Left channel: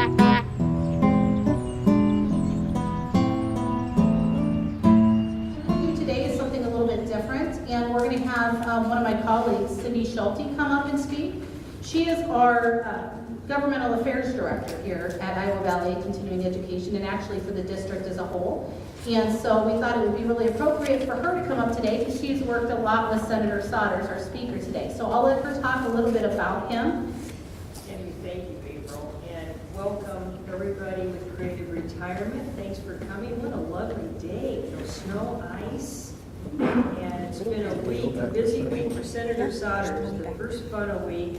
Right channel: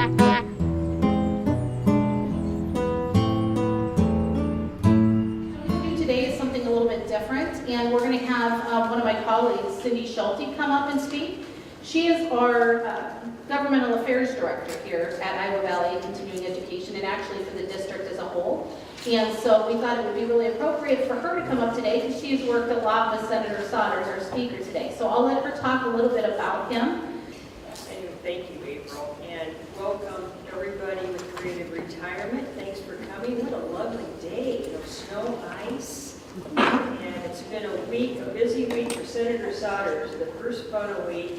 Today is something a little bit different, and we're going to have one of my colleagues, Cindy Schulte, come up and speak. She is our Governmental Affairs Director here at Iowa Valley Continuing Education, and actually for the district as a whole. And so we thought it would be really appropriate for her to come up today because she's worked a lot with Senator Sodders, our speaker today. So I'll let her talk a little bit about him. And thank you, April, and welcome everybody with creative retirement. Thanks for coming. What a lovely day. No snow, ice, and it's been a week, a busy week for Senator Sodders, the first fun of week,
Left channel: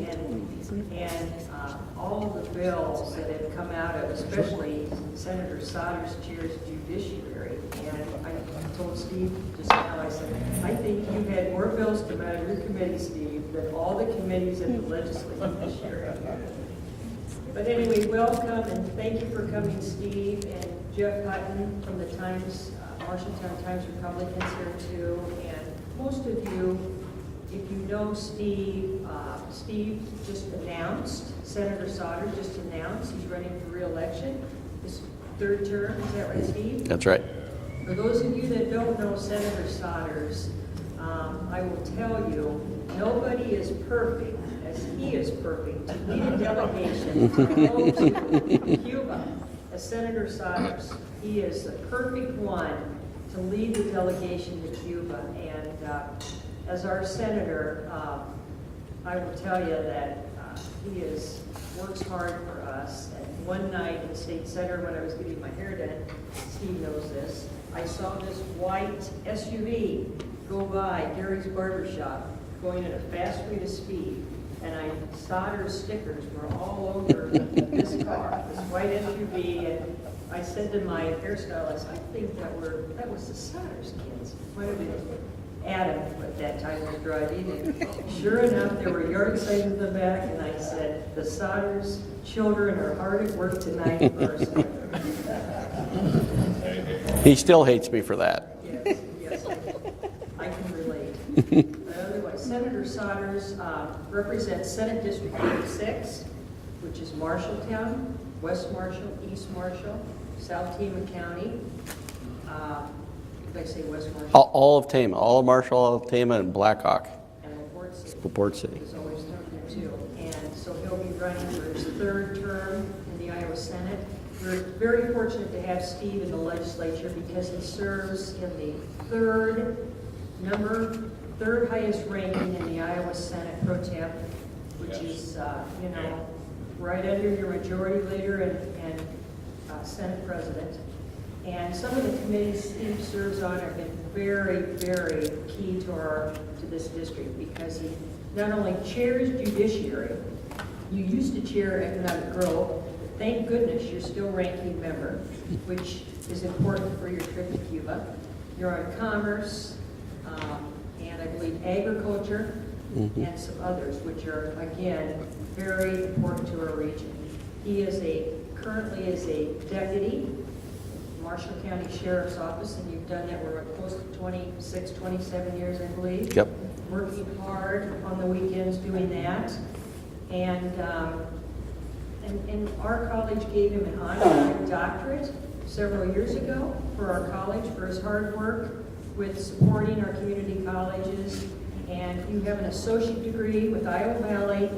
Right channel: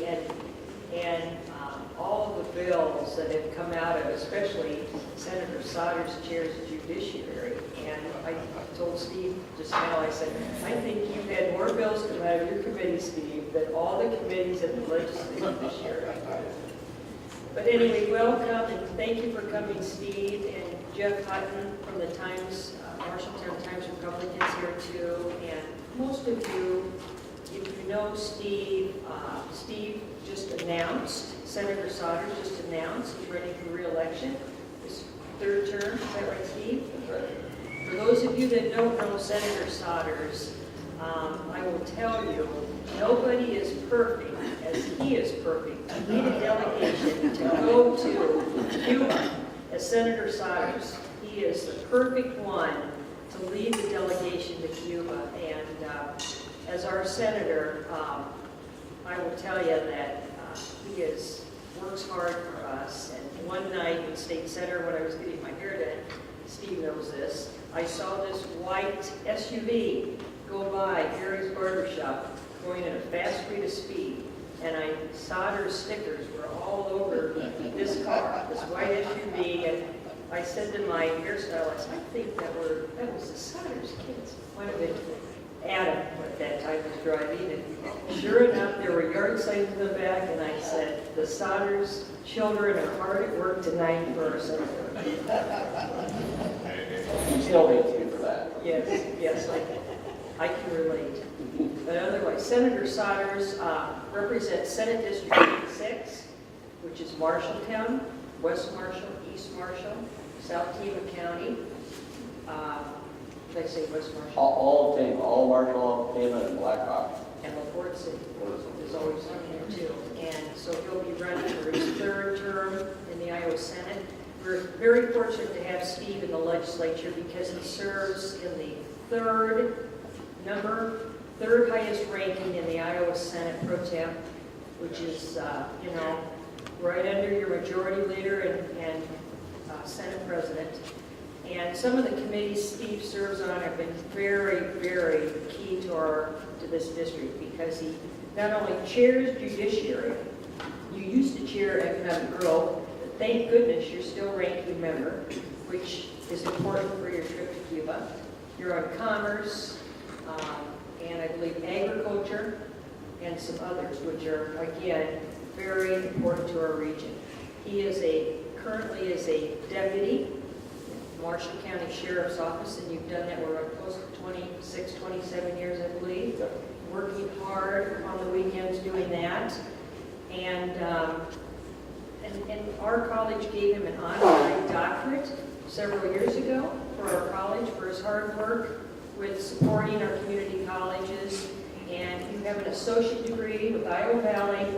and all of the bills that have come out of, especially Senator Sodders chairs Judiciary. And I told Steve just now, I said, I think you had more bills come out of your committee, Steve, than all the committees in the legislature this year. But anyway, welcome, and thank you for coming, Steve, and Jeff Hutton from the Times, Marshalltown Times Republicans here too. And most of you, if you know Steve, Steve just announced, Senator Sodders just announced he's running for re-election, his third term. Is that right, Steve? That's right. For those of you that don't know Senator Sodders, I will tell you, nobody is perfect as he is perfect to lead a delegation to go to Cuba as Senator Sodders. He is the perfect one to lead the delegation to Cuba. And as our senator, I will tell you that he works hard for us. And one night in State Center when I was getting my hair done, Steve knows this, I saw this white SUV go by Gary's Barbershop going at a fast rate of speed. And Sodders stickers were all over this car, this white SUV. And I said to my hairstylist, I think that was the Sodders kids. Might have been Adam at that time was driving, and sure enough, there were yard signs in the back, and I said, the Sodders children are hard at work tonight for our senator. He still hates me for that. Yes, I can relate. But otherwise, Senator Sodders represents Senate District 86, which is Marshalltown, West Marshall, East Marshall, South Tama County. Did I say West Marshall? All of Tama, all of Marshall, all of Tama, and Blackhawk. And LaPorte City. LaPorte City. Is always on there too. And so he'll be running for his third term in the Iowa Senate. We're very fortunate to have Steve in the legislature because he serves in the third highest ranking in the Iowa Senate Pro Tem, which is, right under your majority leader and Senate President. And some of the committees Steve serves on have been very, very key to this district because he not only chairs Judiciary, you used to chair Economic Growth, but thank goodness you're still ranking member, which is important for your trip to Cuba. You're on Commerce, and I believe Agriculture, and some others, which are, again, very important to our region. He currently is a deputy Marshall County Sheriff's Office, and you've done that, we're close to 26, 27 years, I believe. Yep. Working hard on the weekends doing that. And our college gave him an honorary doctorate several years ago for our college for his hard work with supporting our community colleges. And you have an associate degree with Iowa Valley,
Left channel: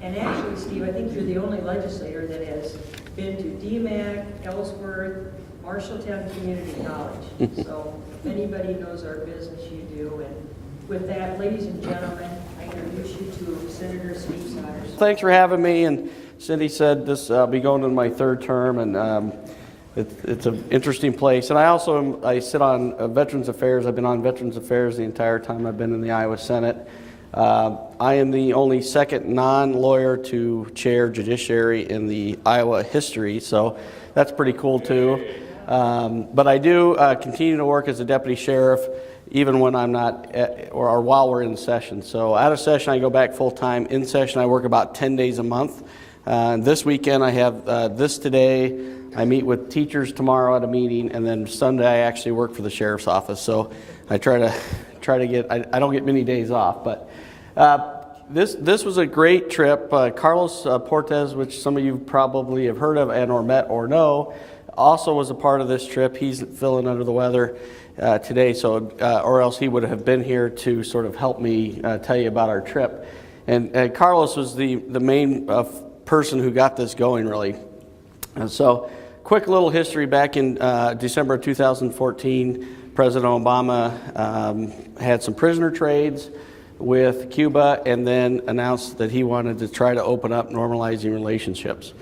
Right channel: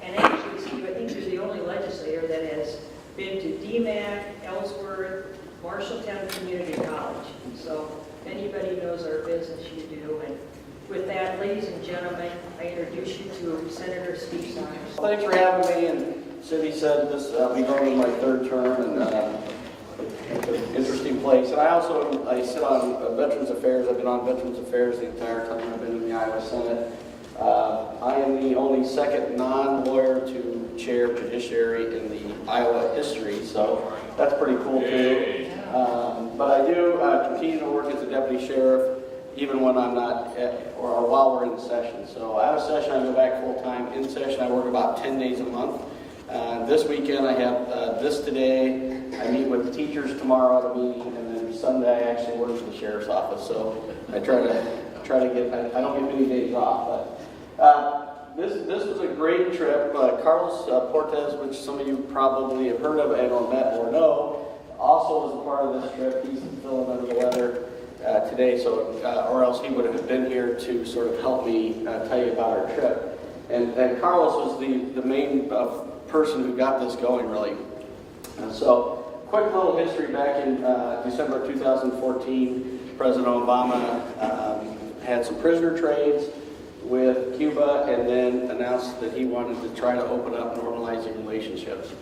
and actually, Steve, I think you're the only legislator that has been to DMAC, Ellsworth, Marshalltown Community College. So if anybody knows our business, you do. And with that, ladies and gentlemen, I introduce you to Senator Steve Sodders. Thanks for having me. And Cindy said I'll be going to my third term, and it's an interesting place. And I sit on Veterans Affairs. I've been on Veterans Affairs the entire time I've been in the Iowa Senate. I am the only second non-lawyer to chair Judiciary in the Iowa history, so that's pretty cool too. But I do continue to work as a deputy sheriff even when I'm not, or while we're in session. So out of session, I go back full time. In session, I work about 10 days a month. This weekend, I have this today. I meet with teachers tomorrow at a meeting, and then Sunday, I actually work for the sheriff's office. So I try to get, I don't get many days off, but this was a great trip. Carlos Portes, which some of you probably have heard of and or met or know, also was a part of this trip. He's feeling under the weather today, so or else he would have been here to sort of help me tell you about our trip. And Carlos was the main person who got this going, really. And so, quick little history. Back in December of 2014, President Obama had some prisoner trades with Cuba and then announced that he wanted to try to open up normalizing relationships.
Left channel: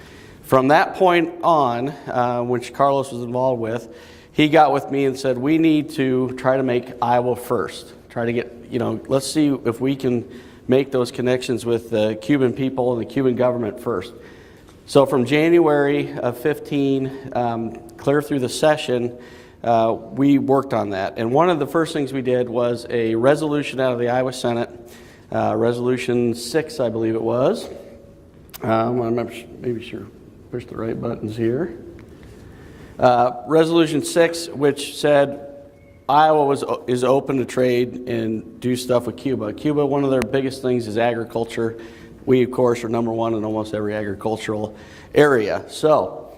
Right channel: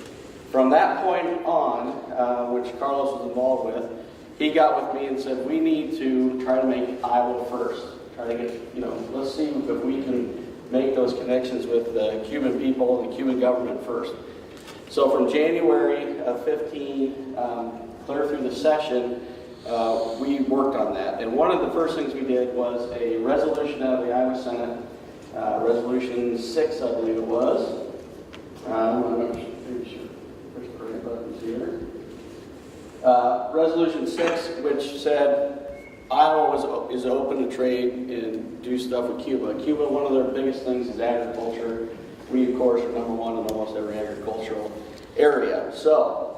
From that point on, which Carlos was involved with, he got with me and said, we need to try to make Iowa first. Try to get, let's see if we can make those connections with the Cuban people and the Cuban government first. So from January of 15, clear through the session, we worked on that. And one of the first things we did was a resolution out of the Iowa Senate, Resolution 6, I believe it was. I'm not maybe sure, push the right buttons here. Resolution 6, which said Iowa is open to trade and do stuff with Cuba. Cuba, one of their biggest things is agriculture. We, of course, are number one in almost every agricultural area. So,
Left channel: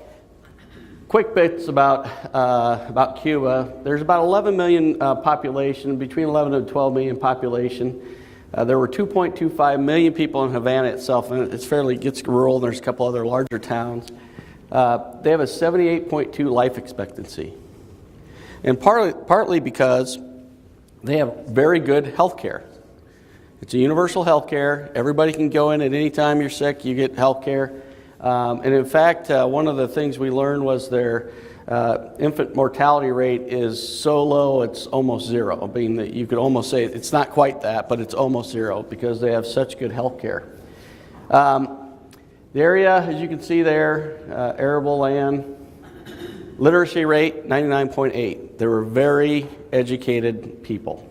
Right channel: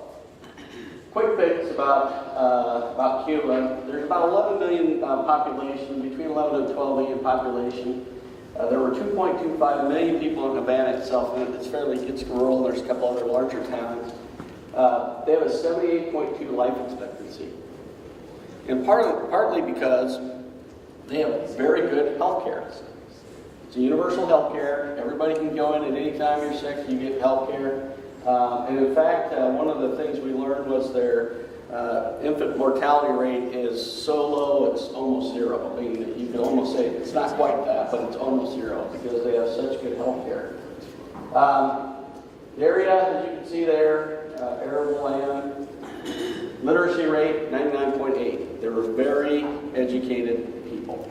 quick bits about Cuba. There's about 11 million population, between 11 and 12 million population. There were 2.25 million people in Havana itself, and gets rural, and there's a couple other larger towns. They have a 78.2 life expectancy. And partly because they have very good health care. It's a universal health care. Everybody can go in at any time you're sick, you get health care. And in fact, one of the things we learned was their infant mortality rate is so low it's almost zero. I mean, that you could almost say it's not quite that, but it's almost zero because they have such good health care. The area, as you can see there, arable land, literacy rate 99.8. They were very educated people.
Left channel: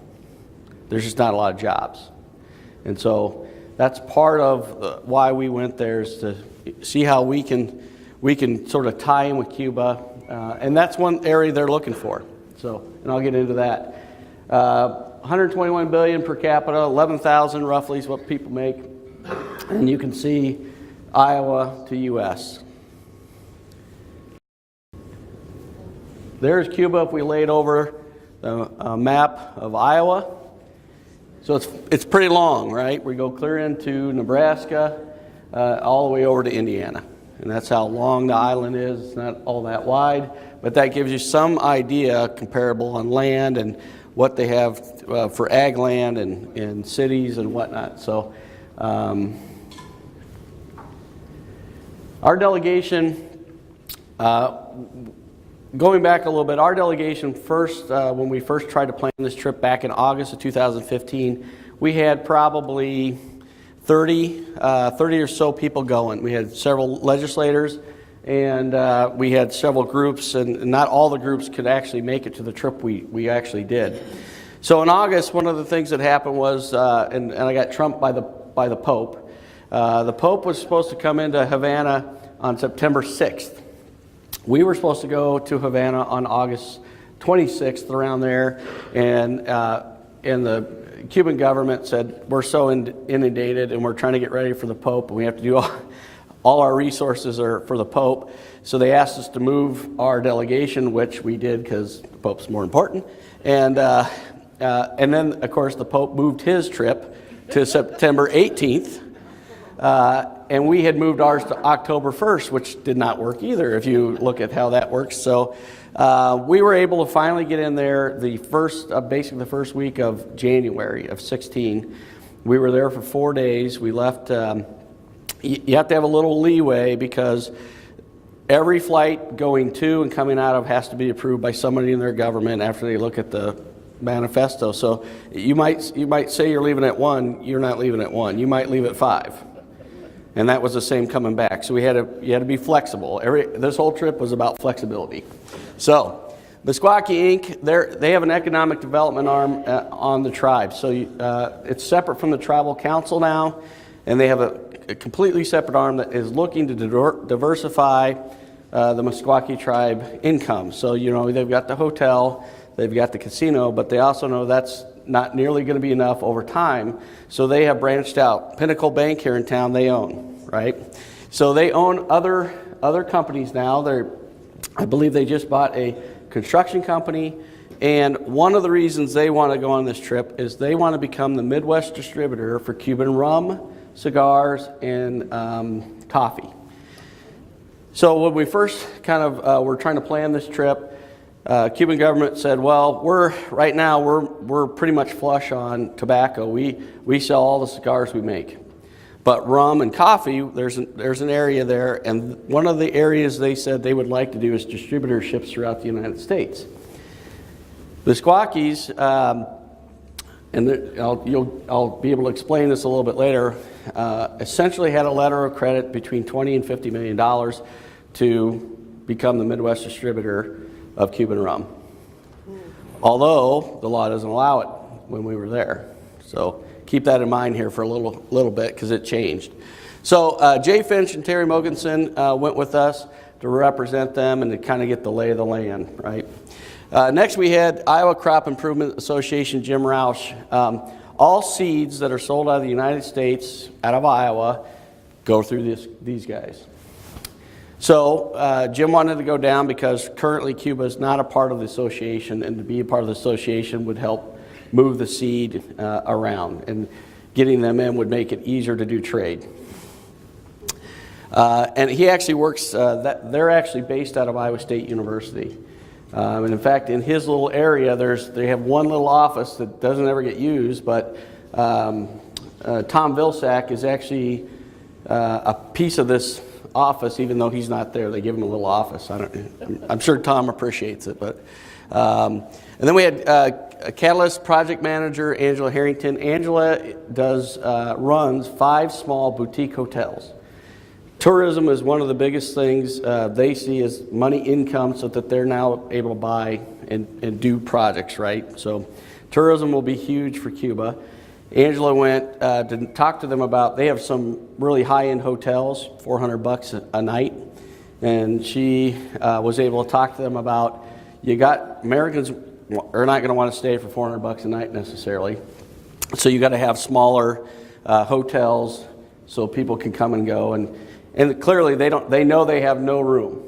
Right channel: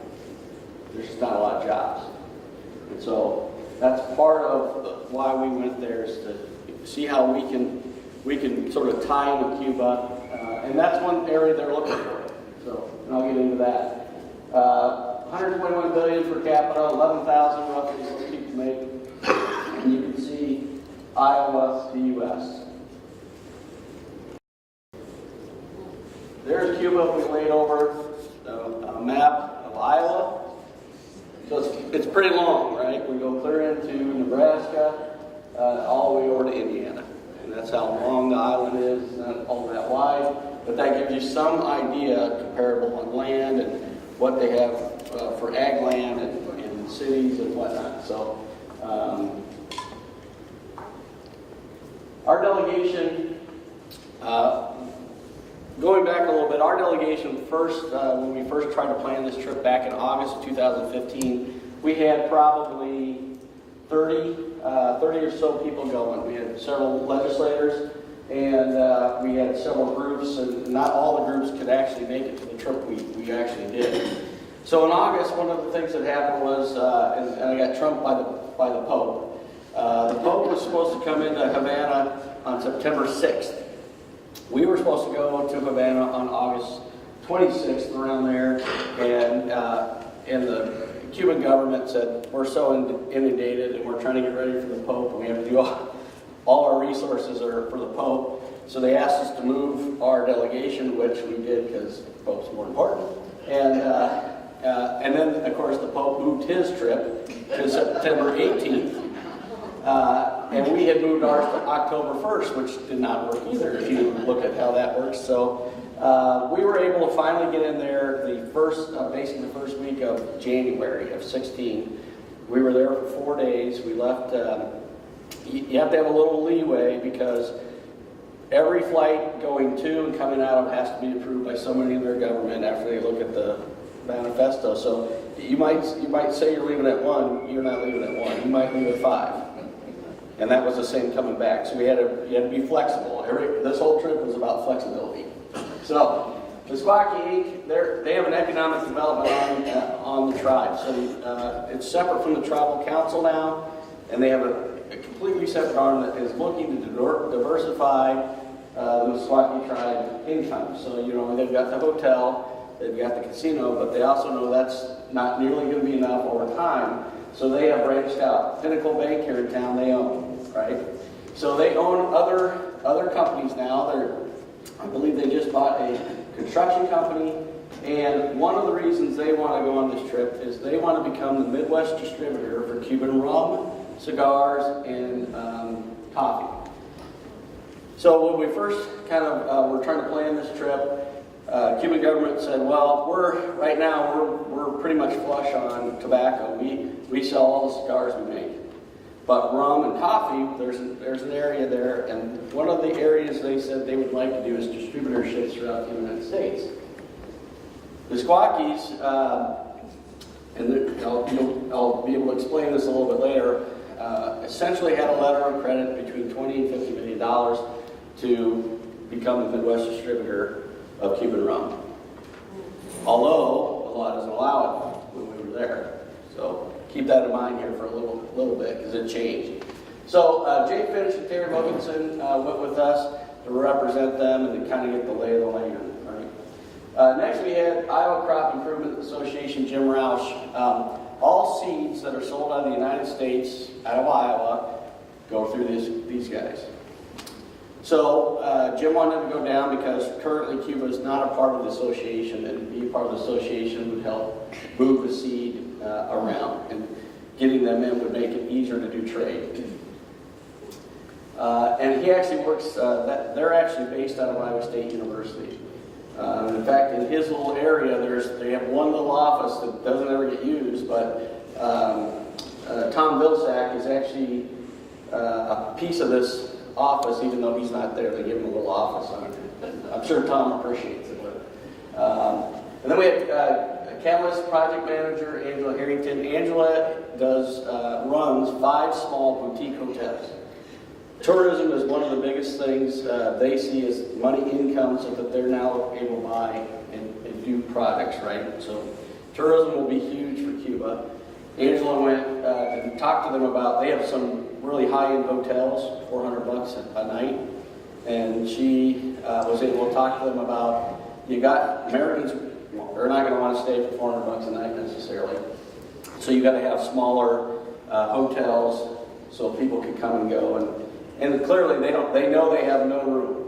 There's just not a lot of jobs. And so that's part of why we went there, is to see how we can sort of tie in with Cuba. And that's one area they're looking for. So, and I'll get into that. 121 billion per capita, 11,000 roughly is what people make. And you can see Iowa to U.S. There's Cuba if we laid over a map of Iowa. So it's pretty long, right? We go clear into Nebraska, all the way over to Indiana. And that's how long the island is. It's not all that wide, but that gives you some idea comparable on land and what they have for ag land and cities and whatnot. So our delegation, going back a little bit, our delegation first, when we first tried to plan this trip back in August of 2015, we had probably 30 or so people going. We had several legislators, and we had several groups, and not all the groups could actually make it to the trip we actually did. So in August, one of the things that happened was, and I got trumped by the Pope. The Pope was supposed to come into Havana on September 6th. We were supposed to go to Havana on August 26th, around there, and the Cuban government said, we're so inundated and we're trying to get ready for the Pope, and we have to do all our resources are for the Pope. So they asked us to move our delegation, which we did because the Pope's more important. And then, of course, the Pope moved his trip to September 18th. And we had moved ours to October 1st, which did not work either, if you look at how that works. So we were able to finally get in there basically the first week of January of 16. We were there for 4 days. We left, you have to have a little leeway because every flight going to and coming out of has to be approved by somebody in their government after they look at the manifesto. So you might say you're leaving at 1, you're not leaving at 1. You might leave at 5. And that was the same coming back. So you had to be flexible. This whole trip was about flexibility. So Meskwaki Inc., they have an economic development on the tribe. So it's separate from the tribal council now, and they have a completely separate arm that is looking to diversify the Meskwaki tribe income. So they've got the hotel, they've got the casino, but they also know that's not nearly going to be enough over time. So they have branched out. Pinnacle Bank here in town, they own, right? So they own other companies now. I believe they just bought a construction company. And one of the reasons they want to go on this trip is they want to become the Midwest distributor for Cuban rum, cigars, and coffee. So when we first kind of were trying to plan this trip, Cuban government said, well, right now we're pretty much flush on tobacco. We sell all the cigars we make. But rum and coffee, there's an area there, and one of the areas they said they would like to do is distributorships throughout the United States. The Squawkies, and I'll be able to explain this a little bit later, essentially had a letter of credit between $20 and $50 million to become the Midwest distributor of Cuban rum. Although the law doesn't allow it when we were there. So keep that in mind here for a little bit because it changed. So Jay Finch and Terry Mogensen went with us to represent them and to kind of get the lay of the land, right? Next we had Iowa Crop Improvement Association, Jim Roush. All seeds that are sold out of the United States, out of Iowa, go through these guys. So Jim wanted to go down because currently Cuba is not a part of the association, and to be a part of the association would help move the seed around, and getting them in would make it easier to do trade. And he actually works, they're actually based out of Iowa State University. And in fact, in his little area, they have one little office that doesn't ever get used, but Tom Vilsack is actually a piece of this office, even though he's not there. They give him a little office. I'm sure Tom appreciates it. But and then we had a Catalyst project manager, Angela Harrington. Angela runs 5 small boutique hotels. Tourism is one of the biggest things they see as money income, so that they're now able to buy and do projects, right? So tourism will be huge for Cuba. Angela went to talk to them about, they have some really high-end hotels, $400 a night, and she was able to talk to them about, Americans are not going to want to stay for $400 a night necessarily, so you got to have smaller hotels so people can come and go, and clearly they know they have no room.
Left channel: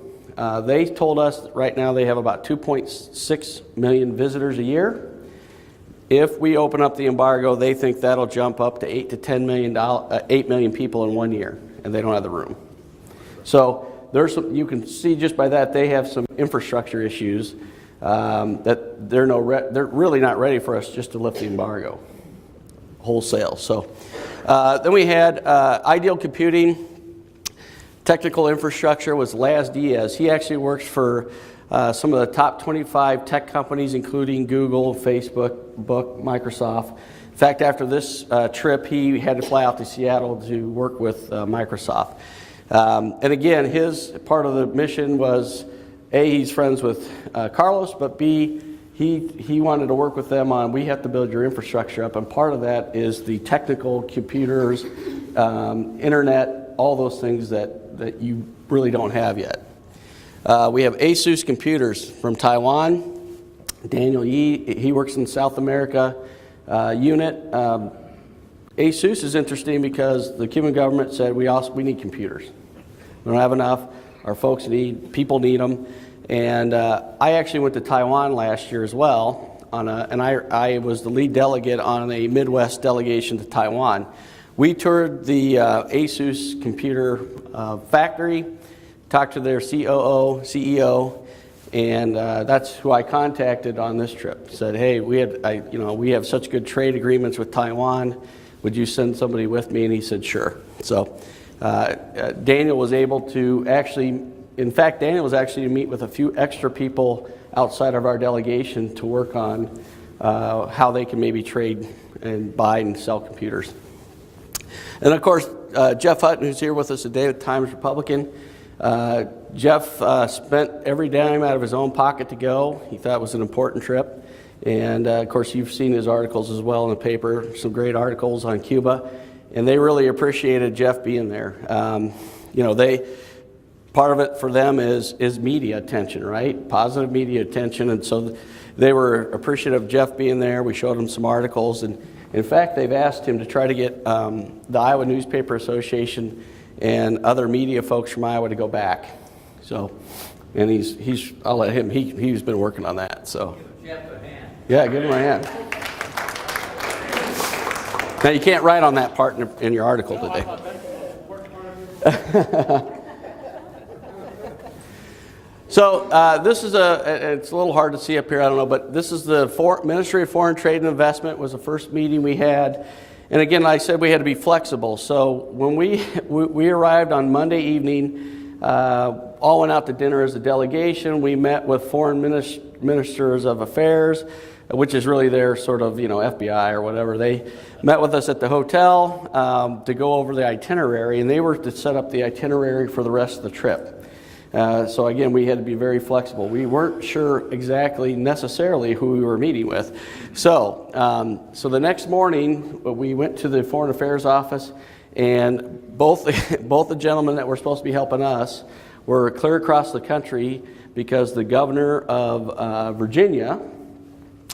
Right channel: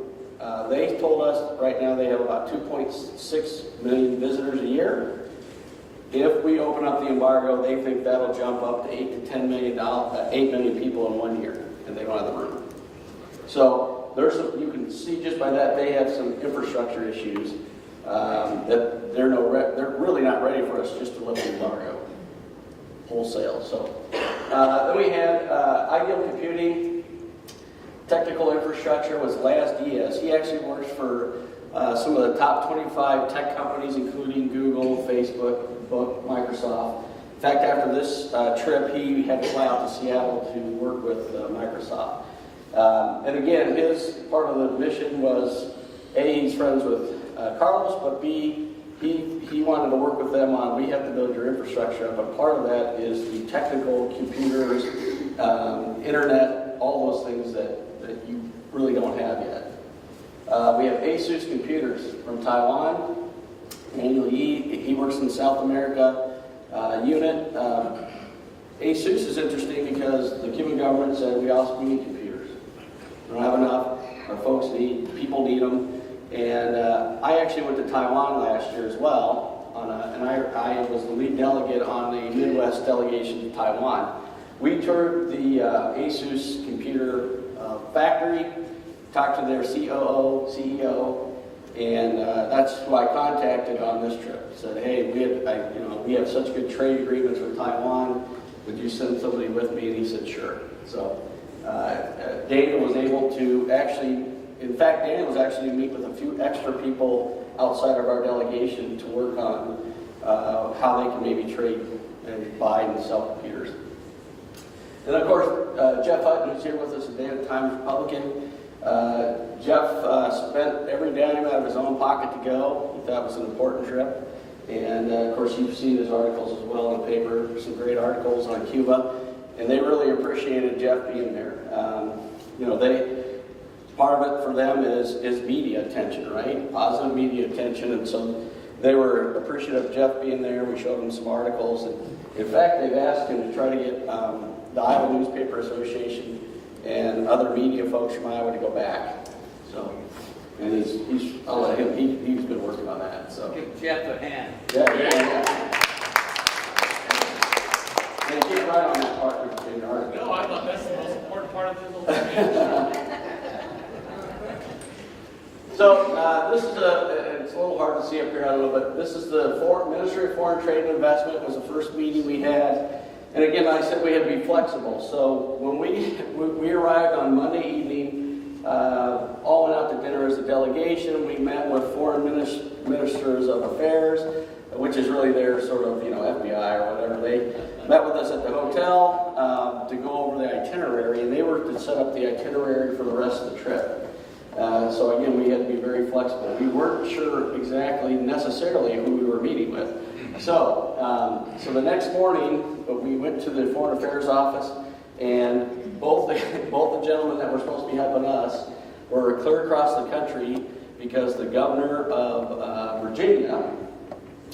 They told us right now they have about 2.6 million visitors a year. If we open up the embargo, they think that'll jump up to 8 million people in 1 year, and they don't have the room. So you can see just by that they have some infrastructure issues that they're really not ready for us just to lift the embargo wholesale. So then we had Ideal Computing. Technical infrastructure was Laz Diaz. He actually works for some of the top 25 tech companies, including Google, Facebook, Microsoft. In fact, after this trip, he had to fly out to Seattle to work with Microsoft. And again, his part of the mission was, A, he's friends with Carlos, but B, he wanted to work with them on, we have to build your infrastructure up, and part of that is the technical computers, internet, all those things that you really don't have yet. We have ASUS Computers from Taiwan. Daniel Yi, he works in South America unit. ASUS is interesting because the Cuban government said we need computers. We don't have enough. Our people need them. And I actually went to Taiwan last year as well, and I was the lead delegate on a Midwest delegation to Taiwan. We toured the ASUS computer factory, talked to their COO, CEO, and that's who I contacted on this trip. Said, hey, we have such good trade agreements with Taiwan. Would you send somebody with me? And he said, sure. So Daniel was able to actually, in fact, Daniel was actually to meet with a few extra people outside of our delegation to work on how they can maybe trade and buy and sell computers. And of course, Jeff Hutton, who's here with us today, the Times Republican. Jeff spent every dime out of his own pocket to go. He thought it was an important trip. And of course, you've seen his articles as well in the paper, some great articles on Cuba. And they really appreciated Jeff being there. Part of it for them is media attention, right? Positive media attention. And so they were appreciative of Jeff being there. We showed them some articles. And In fact, they've asked him to try to get the Iowa Newspaper Association and other media folks from Iowa to go back. So, and I'll let him, he's been working on that, so. Give Jeff a hand. Yeah, give him a hand. Now, you can't write on that part in your article No, today. that's the most important part of this. So this is it's a little hard to see up here, I don't know, but this is the Ministry of Foreign Trade and Investment was the first meeting we had. And again, like I said, we had to be flexible. So when we arrived on Monday evening, all went out to dinner as a delegation. We met with foreign ministers of affairs, which is really their sort of, FBI or whatever. They met with us at the hotel to go over the itinerary, and they were to set up the itinerary for the rest of the trip. So again, we had to be very flexible. We weren't sure exactly necessarily who we were meeting with. So, so the next morning, we went to the Foreign Affairs office, and both the gentlemen that were supposed to be helping us were clear across the country because the governor of Virginia,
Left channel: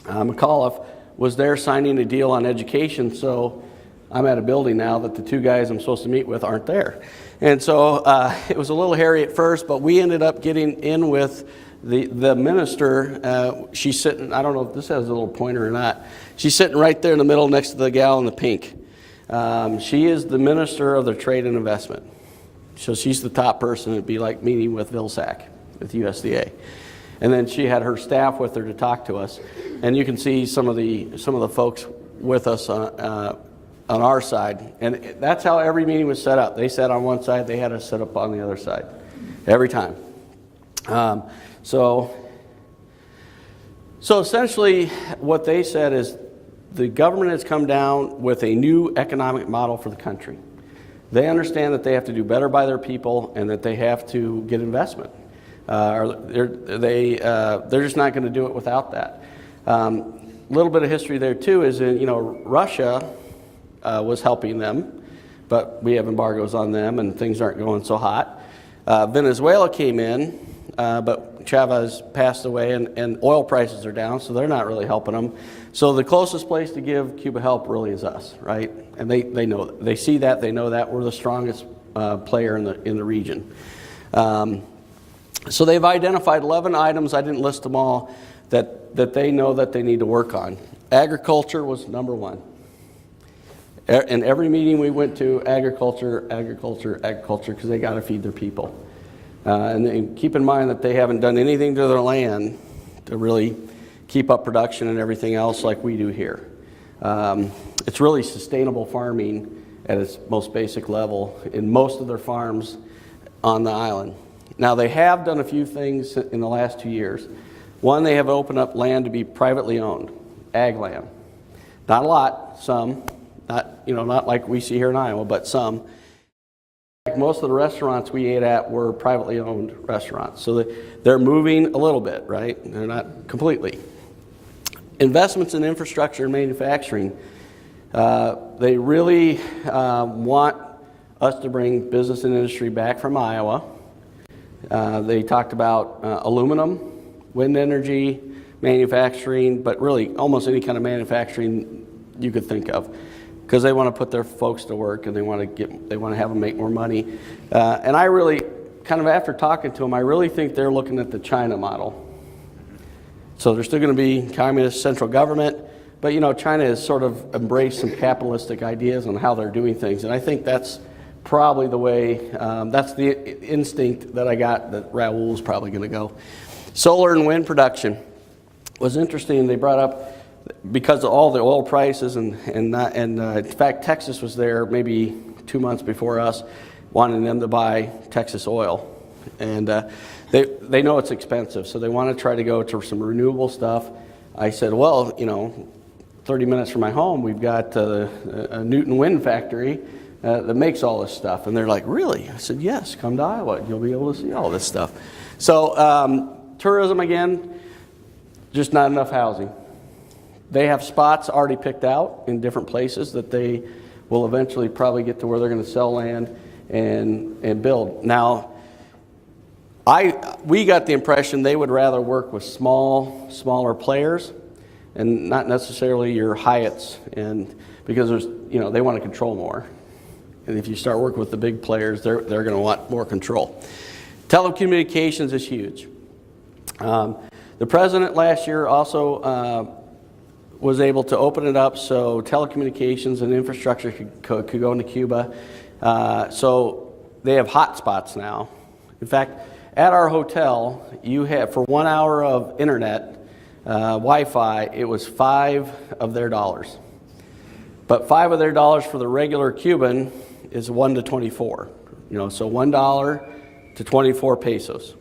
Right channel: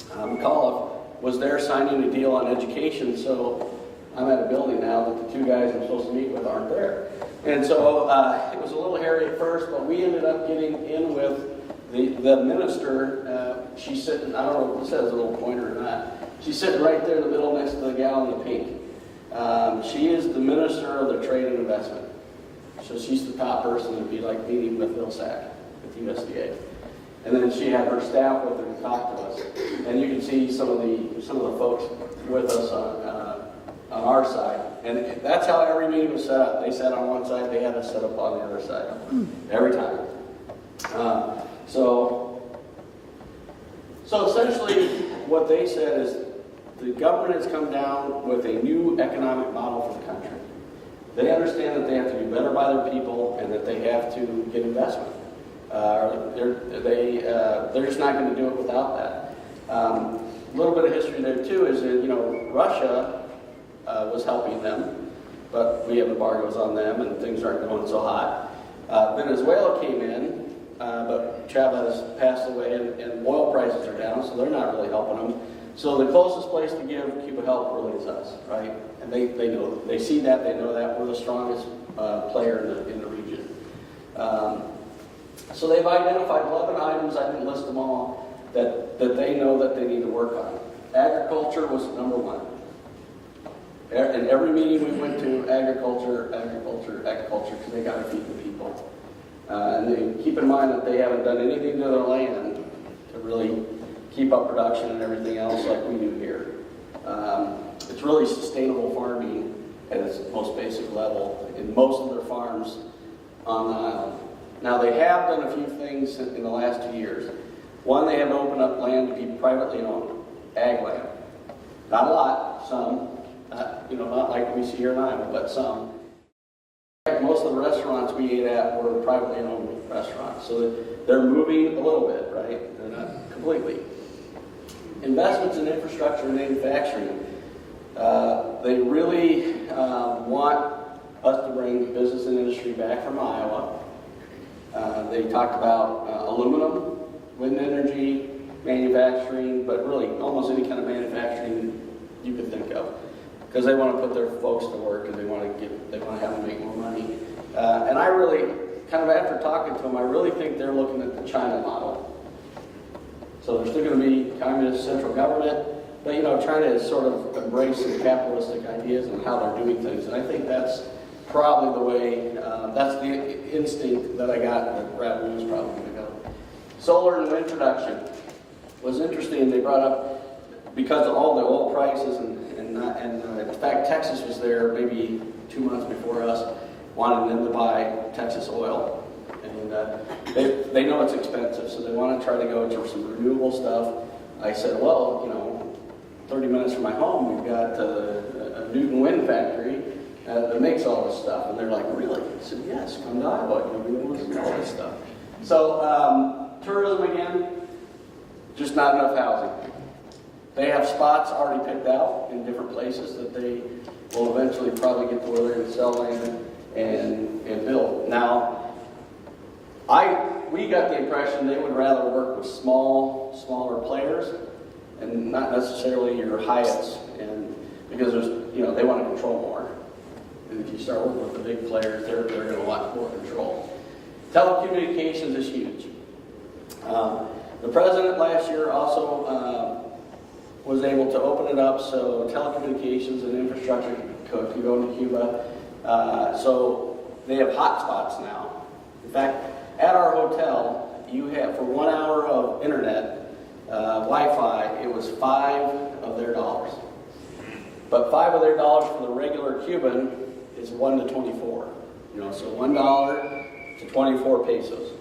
McAuliffe, was there signing a deal on education. So I'm at a building now that the two guys I'm supposed to meet with aren't there. And so it was a little hairy at first, but we ended up getting in with the minister. She's sitting, I don't know if this has a little pointer or not. She's sitting right there in the middle next to the gal in the pink. She is the Minister of the Trade and Investment. So she's the top person. It'd be like meeting with Vilsack with USDA. And then she had her staff with her to talk to us. And you can see some of the folks with us on our side. And that's how every meeting was set up. They sat on one side, they had us set up on the other side. Every time. So essentially what they said is the government has come down with a new economic model for the country. They understand that they have to do better by their people and that they have to get investment. They're just not going to do it without that. A little bit of history there too is that, Russia was helping them, but we have embargoes on them and things aren't going so hot. Venezuela came in, but Chavez passed away and oil prices are down, so they're not really helping them. So the closest place to give Cuba help really is us, right? And they know, they see that, they know that we're the strongest player in the region. So they've identified 11 items, I didn't list them all, that they know that they need to work on. Agriculture was number one. In every meeting we went to, agriculture, because they got to feed their people. And they keep in mind that they haven't done anything to their land to really keep up production and everything else like we do here. It's really sustainable farming at its most basic level in most of their farms on the island. Now they have done a few things in the last 2 years. One, they have opened up land to be privately owned, ag land. Not a lot, some. Not like we see here in Iowa, but some. Most of the restaurants we ate at were privately owned restaurants. So they're moving a little bit, right? They're not completely. Investments in infrastructure and manufacturing. They really want us to bring business and industry back from Iowa. They talked about aluminum, wind energy, manufacturing, but really almost any kind of manufacturing you could think of, because they want to put their folks to work and they want to have them make more money. And I really, kind of after talking to them, I really think they're looking at the China model. So there's still going to be communist central government, but China has sort of embraced some capitalistic ideas on how they're doing things, and I think that's probably the way, that's the instinct that I got that Raoul's probably going to go. Solar and wind production was interesting. They brought up, because of all the oil prices and in fact Texas was there maybe 2 months before us, wanting them to buy Texas oil. And they know it's expensive, so they want to try to go to some renewable stuff. I said, well, 30 minutes from my home, we've got a Newton wind factory that makes all this stuff. And they're like, really? I said, yes, come to Iowa. You'll be able to see all this stuff. So tourism again, just not enough housing. They have spots already picked out in different places that they will eventually probably get to where they're going to sell land and build. Now, we got the impression they would rather work with smaller players and not necessarily your Hyatts and because there's, you know, they want to control more. And if you start working with the big players, they're going to want more control. Telecommunications is huge. The president last year also was able to open it up so telecommunications and infrastructure could go into Cuba. So they have hotspots now. In fact, at our hotel, you have, for 1 hour of internet, Wi-Fi, it was $5 of their dollars. But $5 of their dollars for the regular Cuban is 1 to 24. You know, so $1 to 24 pesos.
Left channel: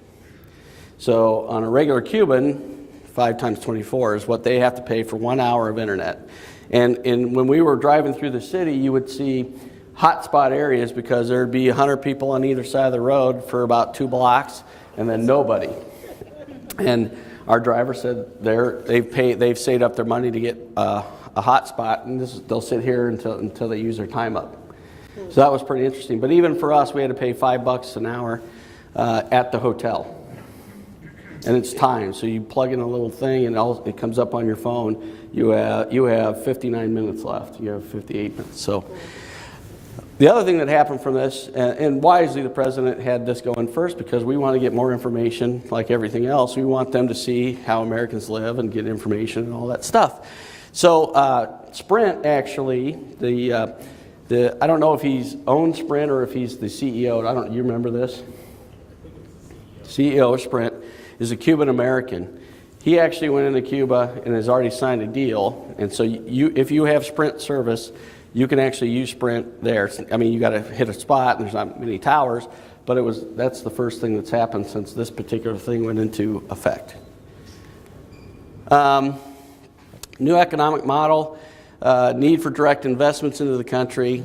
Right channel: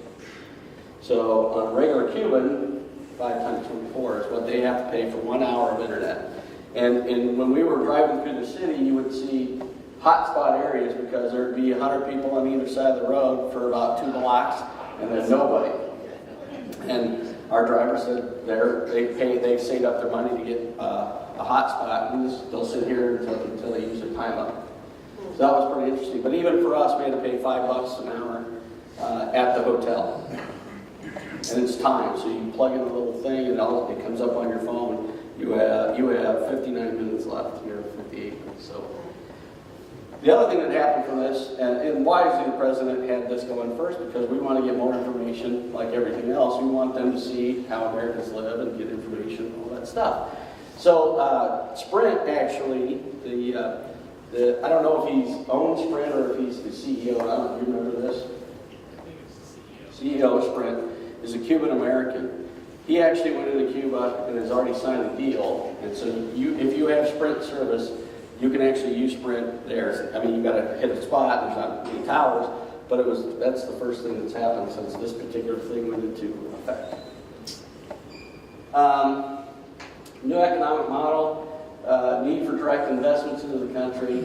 So on a regular Cuban, 5 times 24 is what they have to pay for 1 hour of internet. And when we were driving through the city, you would see hotspot areas because there'd be 100 people on either side of the road for about 2 blocks, and then nobody. And our driver said they've saved up their money to get a hotspot, and they'll sit here until they use their time up. So that was pretty interesting. But even for us, we had to pay $5 an hour at the hotel. And it's time, so you plug in a little thing and it comes up on your phone. You have 59 minutes left. You have 58 minutes. So the other thing that happened from this, and wisely the president had this going first, because we want to get more information like everything else. We want them to see how Americans live and get information and all that stuff. So Sprint actually, I don't know if he's owned Sprint or if he's the CEO. You remember this? CEO of Sprint is a Cuban American. He actually went into Cuba and has already signed a deal. And so if you have Sprint service, you can actually use Sprint there. I mean, you got to hit a spot, and there's not many towers, but that's the first thing that's happened since this particular thing went into effect. New economic model, need for direct investments into the country.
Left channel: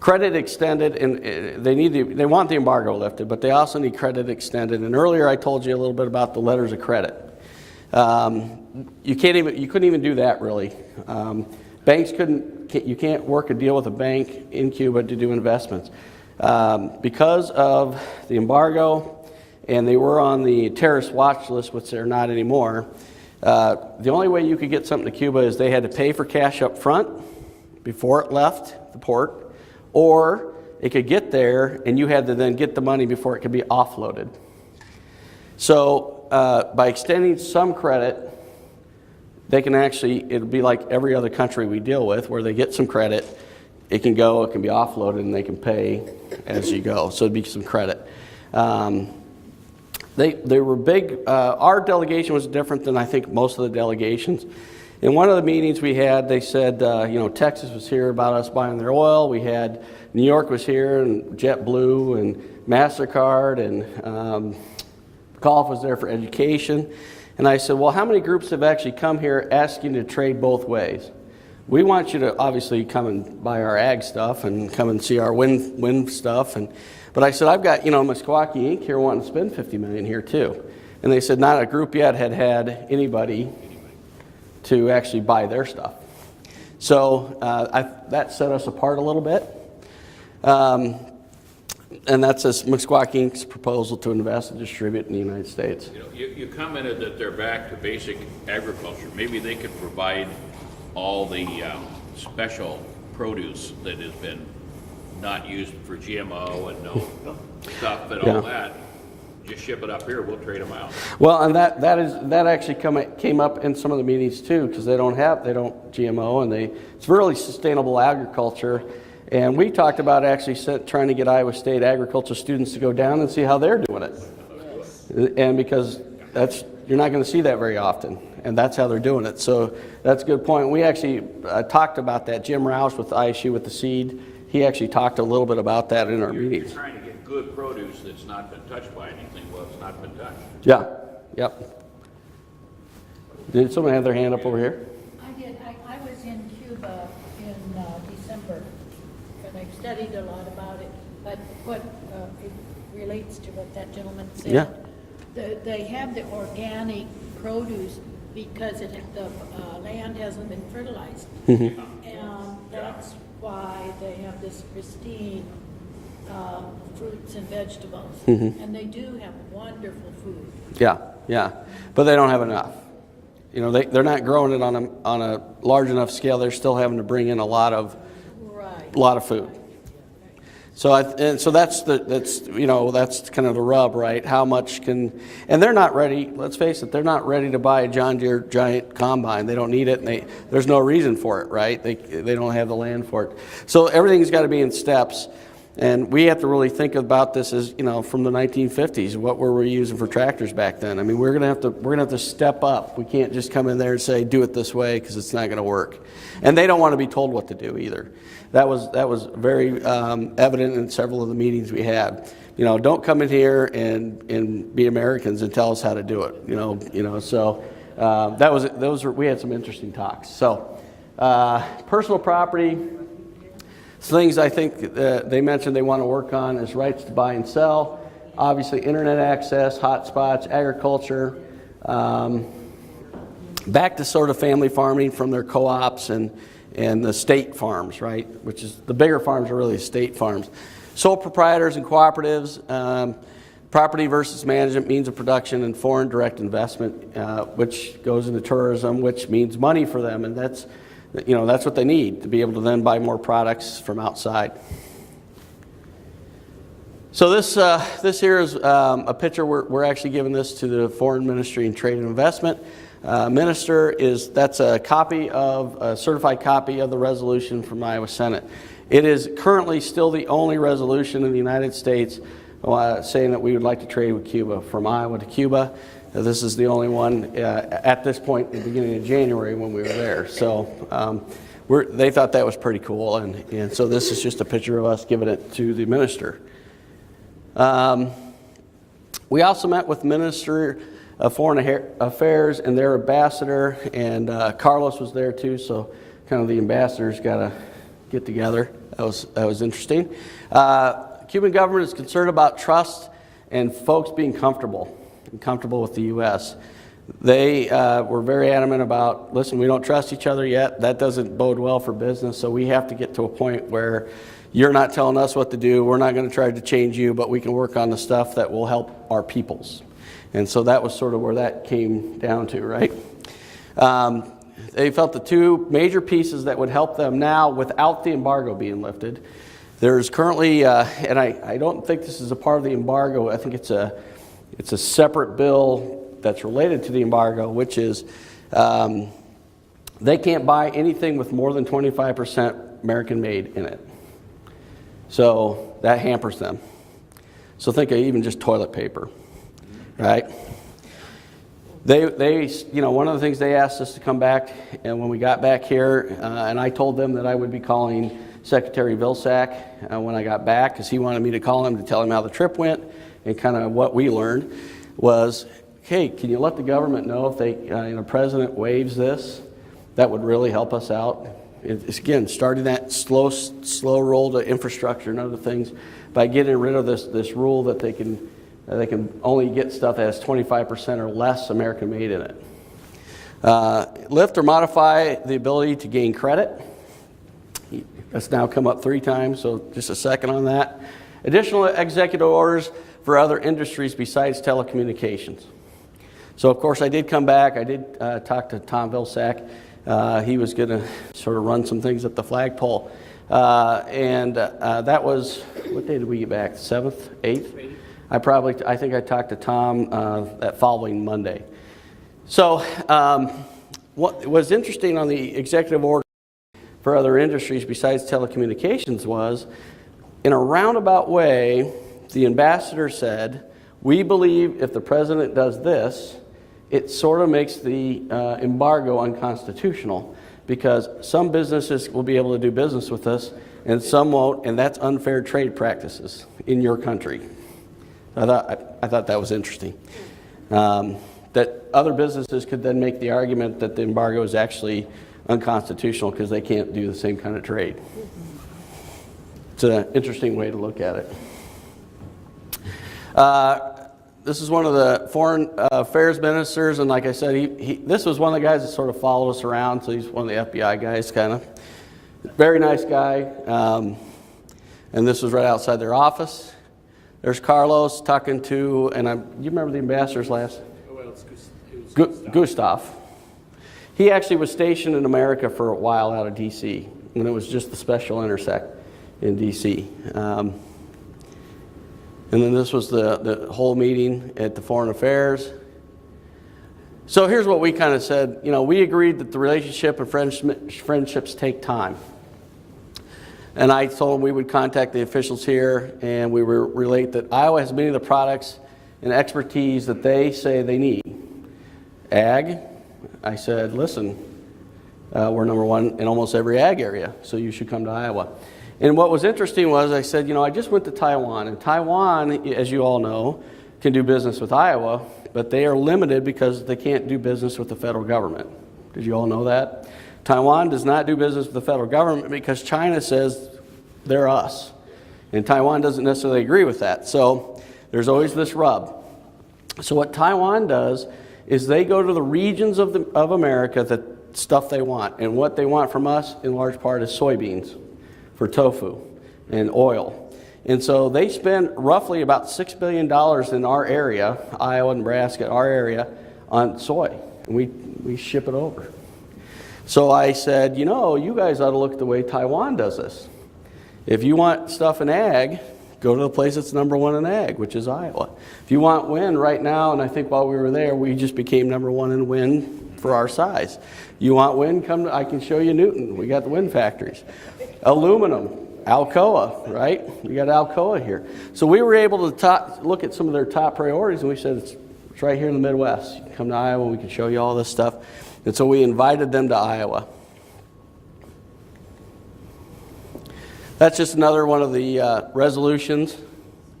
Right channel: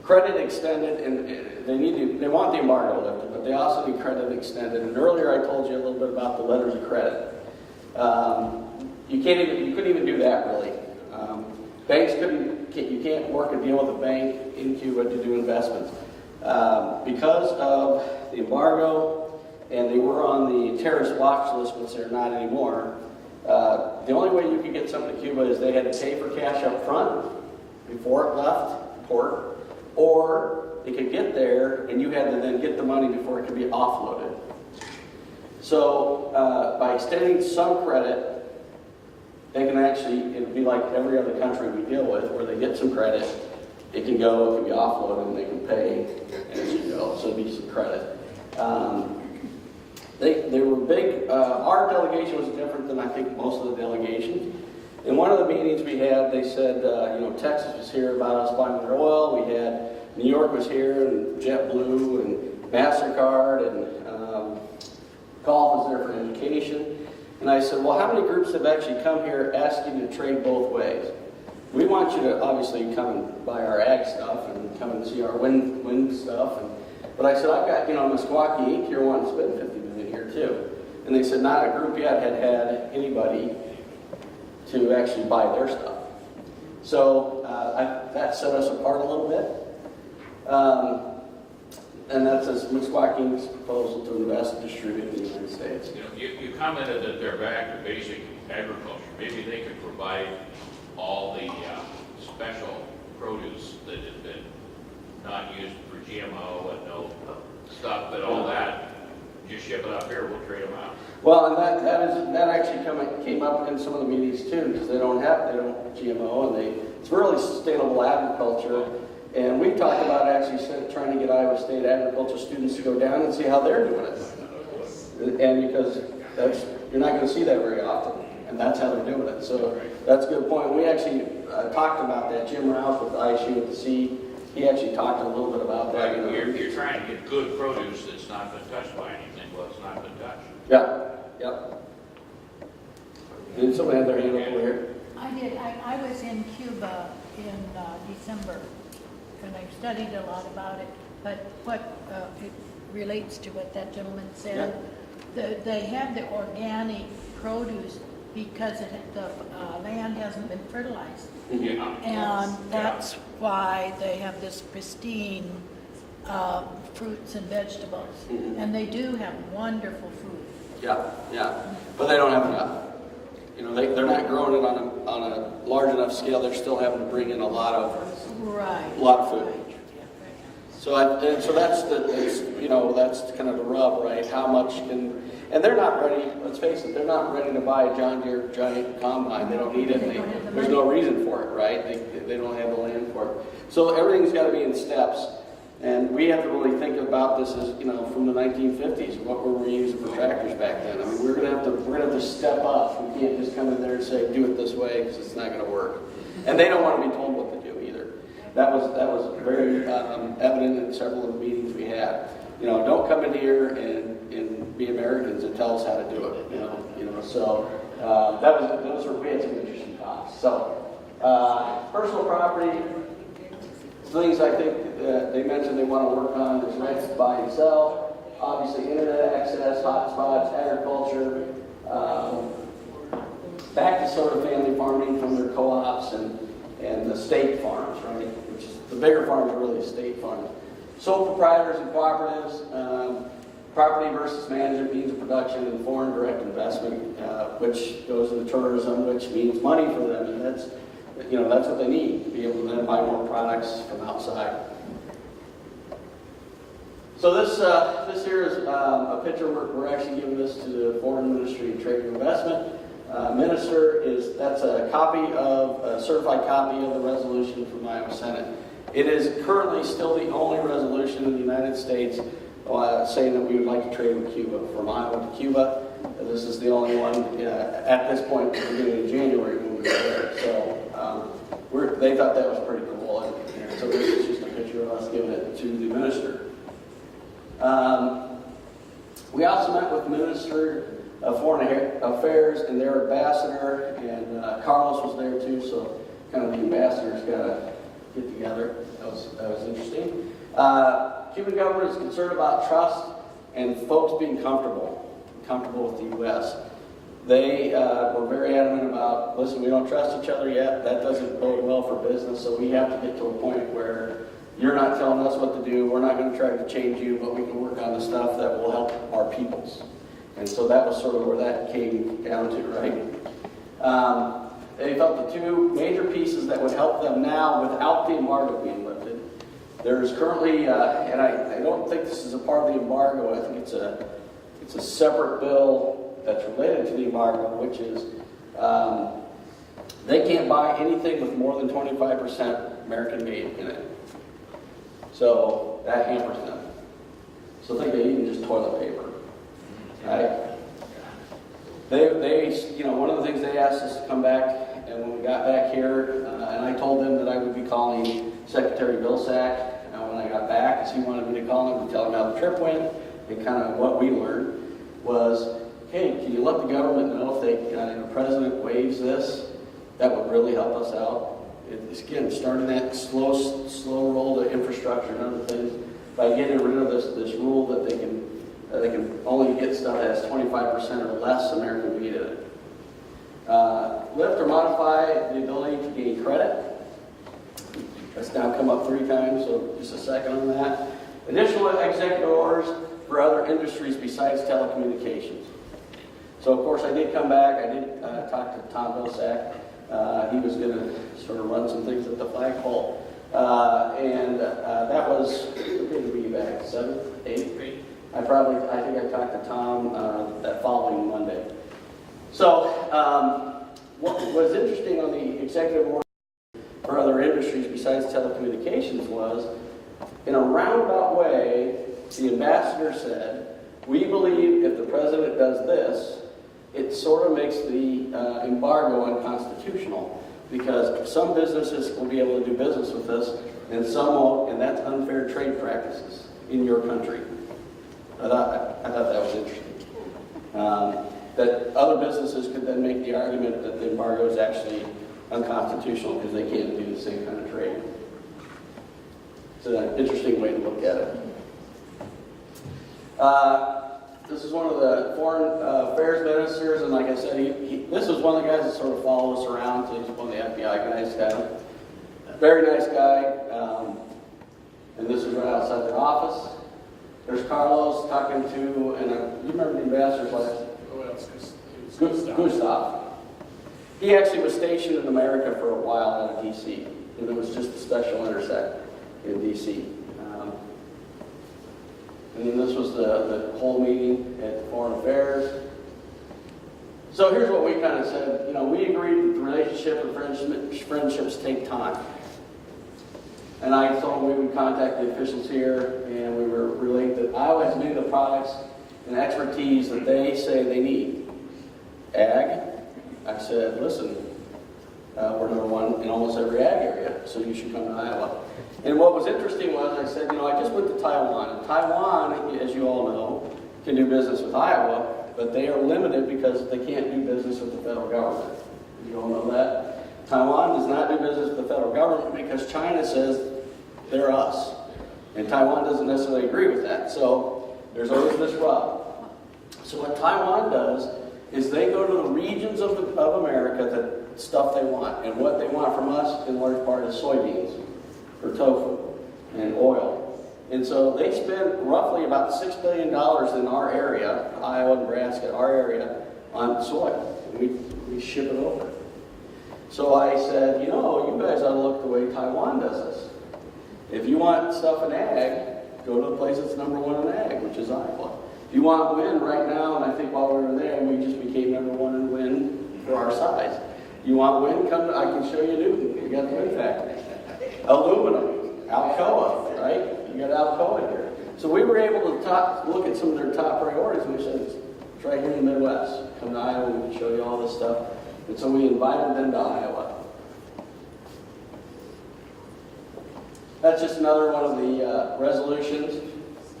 Credit extended, and they want the embargo lifted, but they also need credit extended. And earlier I told you a little bit about the letters of credit. You couldn't even do that really. You can't work a deal with a bank in Cuba to do investments. Because of the embargo, and they were on the terrorist watch list, which they're not anymore, the only way you could get something to Cuba is they had to pay for cash up front before it left the port, or it could get there and you had to then get the money before it could be offloaded. So by extending some credit, they can actually, it'll be like every other country we deal with where they get some credit, it can go, it can be offloaded, and they can pay as you go. So it'd be some credit. They were big, our delegation was different than I think most of the delegations. In one of the meetings we had, they said, Texas was here about us buying their oil. We had New York was here, and JetBlue, and MasterCard, and Gulf was there for education. And I said, well, how many groups have actually come here asking to trade both ways? We want you to obviously come and buy our ag stuff and come and see our wind stuff. But I said, I've got, Meskwaki Inc. here wanting to spend $50 million here too. And they said not a group yet had anybody to actually buy their stuff. So that set us apart a little bit. And that's Meskwaki Inc.'s proposal to invest and distribute in the United States. You commented that they're back to basic agriculture. Maybe they could provide all the special produce that has been not used for GMO and no stuff, but all that, just ship it up here, we'll trade them out. Well, and that actually came up in some of the meetings too, because they don't GMO, and it's really sustainable agriculture. And we talked about actually trying to get Iowa State agriculture students to go down and see how they're doing it. And because you're not going to see that very often, and that's how they're doing it. So that's a good point. We actually talked about that. Jim Rouse with ISU with the seed, he actually talked a little bit about that in our meetings. You're trying to get good produce that's not been touched by anything. Well, it's not been touched. Yeah, yep. Did someone have their hand up over here? I did. I was in Cuba in December, and I studied a lot about it. But what it relates to what that gentleman said. Yeah. They have the organic produce because the land hasn't been fertilized. Mm-hmm. And that's why they have this pristine fruits and vegetables. Mm-hmm. And they do have wonderful food. Yeah, but they don't have enough. You know, they're not growing it on a large enough scale. They're still having to bring in a lot of food. So that's you know, that's kind of the rub, right? How much can, and they're not ready. Let's face it, they're not ready to buy a John Deere giant combine. They don't need it. There's no reason for it, right? They don't have the land for it. So everything's got to be in steps, and we have to really think about this as, you know, from the 1950s. What were we using for tractors back then? I mean, we're gonna have to step up. We can't just come in there and say do it this way, because it's not going to work. And they don't want to be told what to do either. That was very evident in several of the meetings we had. You know, don't come in here and be Americans and tell us how to do it. You know. So we had some interesting talks. So personal property, things I think they mentioned they want to work on is rights to buy and sell. Obviously, internet access, hotspots, agriculture. Back to sort of family farming from their co-ops and the state farms, right? Which is, the bigger farms are really state farms. Sole proprietors and cooperatives, property versus management, means of production, and foreign direct investment, which goes into tourism, which means money for them, and that's what they need to be able to then buy more products from outside. So this here is a picture. We're actually giving this to the Foreign Ministry and Trade and Investment. Minister that's a certified copy of the resolution from Iowa Senate. It is currently still the only resolution in the United States saying that we would like to trade with Cuba, from Iowa to Cuba. This is the only one at this point at the beginning of January when we were there. So they thought that was pretty cool, and so this is just a picture of us giving it to the minister. We also met with the Minister of Foreign Affairs and their ambassador, and Carlos was there too, so kind of the ambassadors got to get together. That was interesting. Cuban government is concerned about trust and folks being comfortable with the U.S. They were very adamant about, listen, we don't trust each other yet. That doesn't bode well for business, so we have to get to a point where you're not telling us what to do. We're not going to try to change you, but we can work on the stuff that will help our peoples. And so that was sort of where that came down to, right? They felt the two major pieces that would help them now without the embargo being lifted. There's currently, and I don't think this is a part of the embargo. I think it's a separate bill that's related to the embargo, which is they can't buy anything with more than 25% American made in it. So that hampers them. So think of even just toilet paper. Right? They, one of the things they asked us to come back, and when we got back here, and I told them that I would be calling Secretary Vilsack when I got back, because he wanted me to call him to tell him how the trip went, and kind of what we learned was, hey, can you let the government know if the president waives this? That would really help us out. It's again starting that slow roll to infrastructure and other things by getting rid of this rule that they can only get stuff that has 25% or less American made in it. Lift or modify the ability to gain credit. That's now come up 3 times, so just a second on that. Additional executive orders for other industries besides telecommunications. So of course I did come back. I did talk to Tom Vilsack. He was going to sort of run some things at the flagpole. And that was, what day did we get back? 7th, 8th? I think I talked to Tom that following Monday. So what was interesting on the executive order for other industries besides telecommunications was, in a roundabout way, the ambassador said, we believe if the president does this, it sort of makes the embargo unconstitutional, because some businesses will be able to do business with us and some won't, and that's unfair trade practices in your country. I thought that was interesting. That other businesses could then make the argument that the embargo is actually unconstitutional because they can't do the same kind of trade. It's an interesting way to look at it. This is one of the foreign affairs ministers, and like I said, this was one of the guys that sort of followed us around, so he's one of the FBI guys, kind of. Very nice guy, and this was right outside their office. There's Carlos talking to, and do you remember the ambassador's last? Gustav. He actually was stationed in America for a while out of D.C. when it was just the special intersect in D.C. And then this was the whole meeting at the Foreign Affairs. So here's what we kind of said. You know, we agreed that the relationship and friendships take time. And I told them we would contact the officials here and we would relate that Iowa has many of the products and expertise that they say they need. Ag, I said, listen, we're number one in almost every ag area, so you should come to Iowa. And what was interesting was I said, you know, I just went to Taiwan, and Taiwan, as you all know, can do business with Iowa, but they are limited because they can't do business with the federal government. Did you all know that? Taiwan does not do business with the federal government because China says they're us. And Taiwan doesn't necessarily agree with that. So there's always this rub. So what Taiwan does is they go to the regions of America that stuff they want. And what they want from us in large part is soybeans for tofu and oil. And so they spend roughly about $6 billion in our area, Iowa, Nebraska, our area, on soy. And we ship it over. So I said, you know, you guys ought to look at the way Taiwan does this. If you want stuff in ag, go to the place that's number one in ag, which is Iowa. If you want wind right now, and I think while we were there, we just became number one in wind for our size. You want wind? Come, I can show you Newton. We got the wind factories. Aluminum, Alcoa, right? You got Alcoa here. So we were able to look at some of their top priorities, and we said, it's right here in the Midwest. Come to Iowa, we can show you all this stuff. And so we invited them to Iowa. That's just another one of the resolutions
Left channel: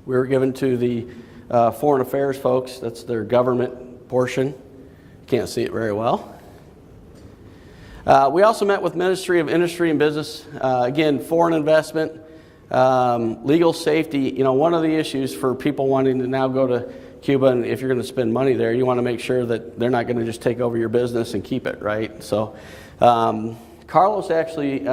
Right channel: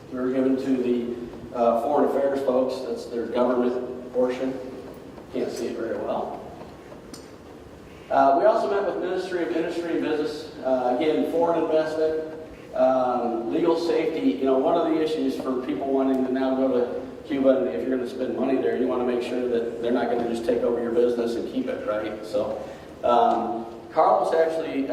we were given to the Foreign Affairs folks. That's their government portion. Can't see it very well. We also met with Ministry of Industry and Business. Again, foreign investment, legal safety. You know, one of the issues for people wanting to now go to Cuba, and if you're going to spend money there, you want to make sure that they're not going to just take over your business and keep it, right? So Carlos actually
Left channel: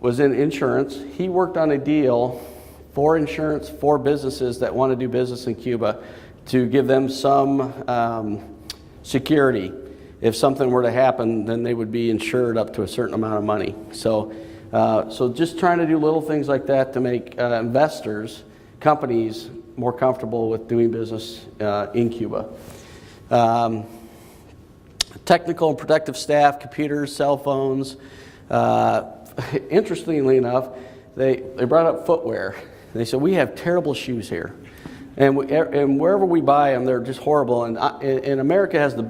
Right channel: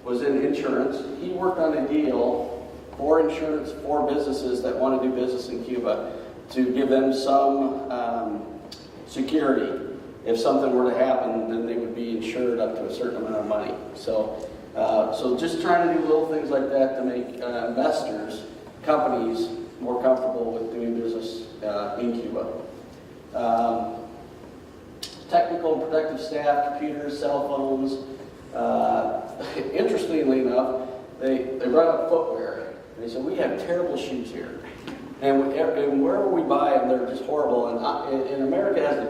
was in insurance. He worked on a deal for insurance for businesses that want to do business in Cuba to give them some security. If something were to happen, then they would be insured up to a certain amount of money. So, so just trying to do little things like that to make investors, companies, more comfortable with doing business in Cuba. Technical and protective staff, computers, cell phones. Interestingly enough, they brought up footwear. They said, we have terrible shoes here. And wherever we buy them, they're just horrible. And America has the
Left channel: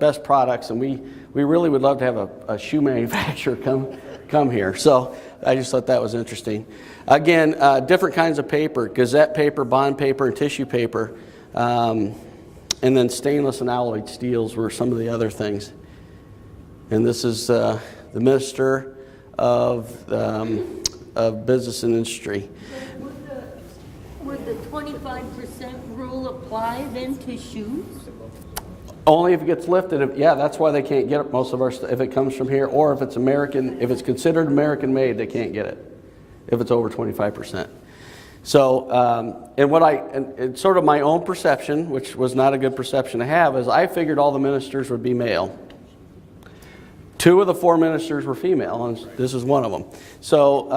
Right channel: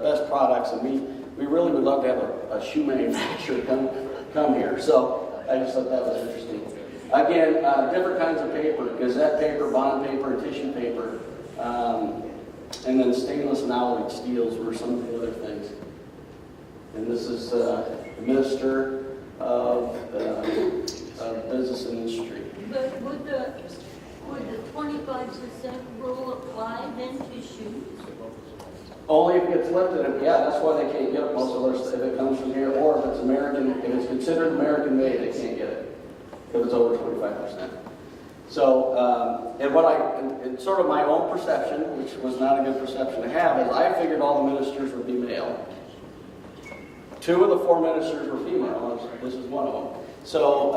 best products, and we really would love to have a shoe manufacturer come here. So I just thought that was interesting. Again, different kinds of paper: Gazette paper, bond paper, and tissue paper. And then stainless and alloyed steels were some of the other things. And this is the Minister of Business and Industry. Would the 25% rule apply then to shoes? Only if it gets lifted. Yeah, that's why they can't get most of our stuff if it comes from here, or if it's American, if it's considered American made, they can't get it if it's over 25%. So, and sort of my own perception, which was not a good perception to have, is I figured all the ministers would be male. 2 of the 4 ministers were female, and this is one of them. So,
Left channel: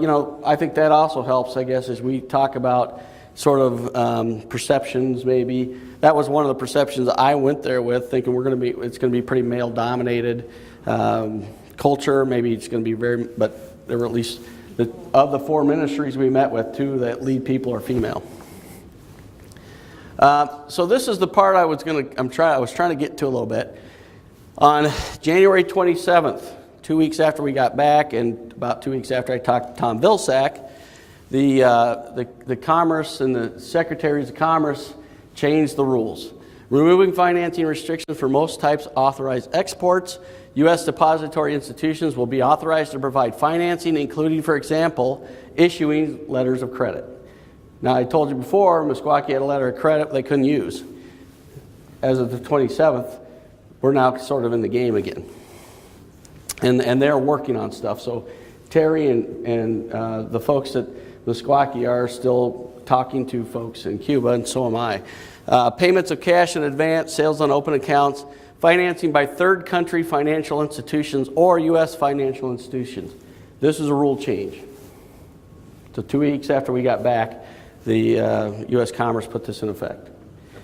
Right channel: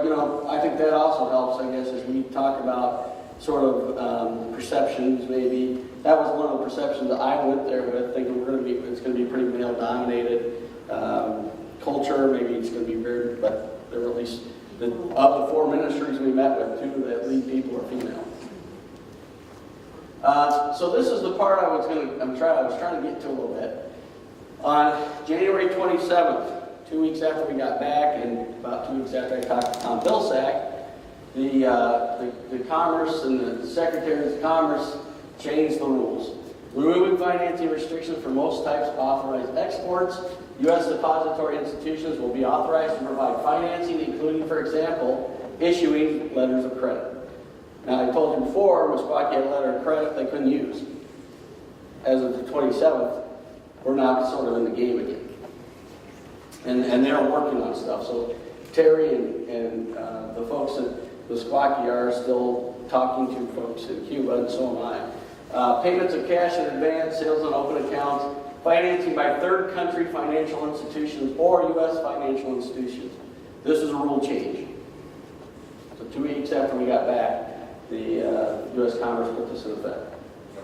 you know, I think that also helps, I guess, as we talk about sort of perceptions. Maybe that was one of the perceptions I went there with, thinking it's going to be pretty male-dominated culture. Maybe it's going to be but there were at least of the 4 ministries we met with, 2 that lead people are female. So this is the part I was trying to get to a little bit. On January 27th, 2 weeks after we got back, and about 2 weeks after I talked to Tom Vilsack, the Commerce and the Secretaries of Commerce changed the rules. Removing financing restrictions for most types of authorized exports, U.S. depository institutions will be authorized to provide financing, including, for example, issuing letters of credit. Now, I told you before, Meskwaki had a letter of credit they couldn't use. As of the 27th, we're now sort of in the game again. And they're working on stuff. So Terry and the folks at Meskwaki are still talking to folks in Cuba, and so am I. Payments of cash in advance, sales on open accounts, financing by third country financial institutions or U.S. financial institutions. This is a rule change. So 2 weeks after we got back, the U.S. Commerce put this in effect.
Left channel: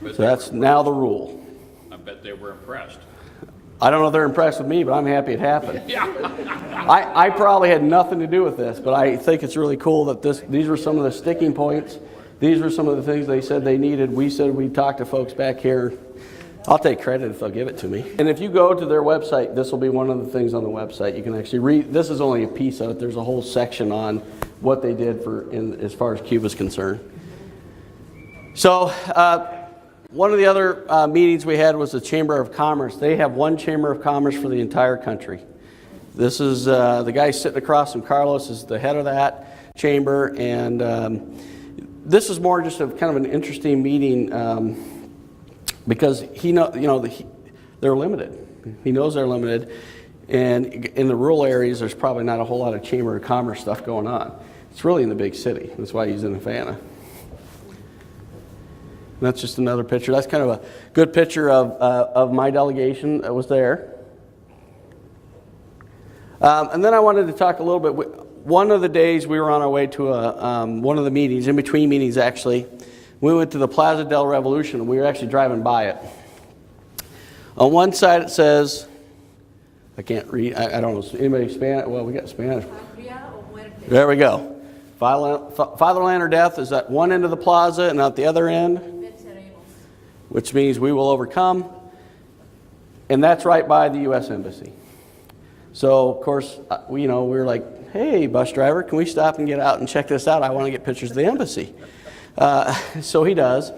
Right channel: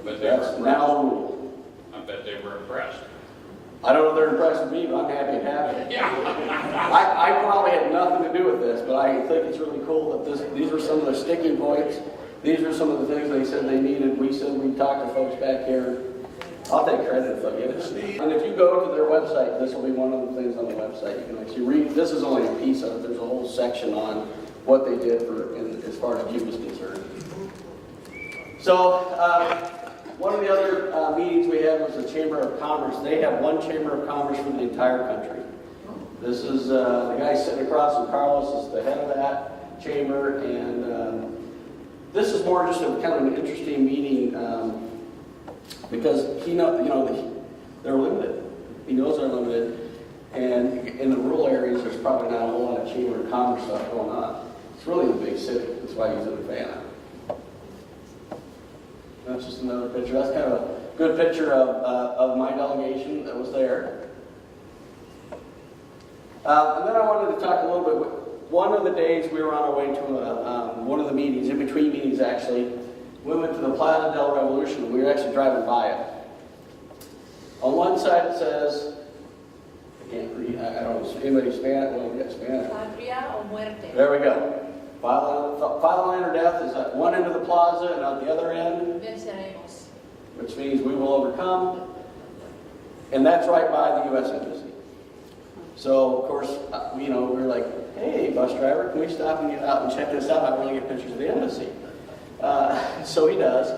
So that's now the rule. I bet they were impressed. I don't know if they're impressed with me, but I'm happy it happened. Yeah. I probably had nothing to do with this, but I think it's really cool that these were some of the sticking points. These were some of the things they said they needed. We said we'd talk to folks back here. I'll take credit if they'll give it to me. And if you go to their website, this will be one of the things on the website. You can actually read. This is only a piece of it. There's a whole section on what they did as far as Cuba's concerned. So one of the other meetings we had was the Chamber of Commerce. They have one Chamber of Commerce for the entire country. This is the guy sitting across from Carlos is the head of that chamber, and this is more just a kind of an interesting meeting because they're limited. He knows they're limited, and in the rural areas, there's probably not a whole lot of Chamber of Commerce stuff going on. It's really in the big city. That's why he's in Havana. That's just another picture. That's kind of a good picture of my delegation that was there. And then I wanted to talk a little bit. One of the days we were on our way to one of the meetings, in between meetings actually, we went to the Plaza del Revolution. We were actually driving by it. On one side it says, I can't read, I don't know, anybody Spanish? Well, we got Spanish. There we go. Fatherland or death is at one end of the plaza, and at the other end, which means we will overcome. And that's right by the U.S. Embassy. So, of course, we were like, hey, bus driver, can we stop and get out and check this out? I want to get pictures of the embassy. So he does.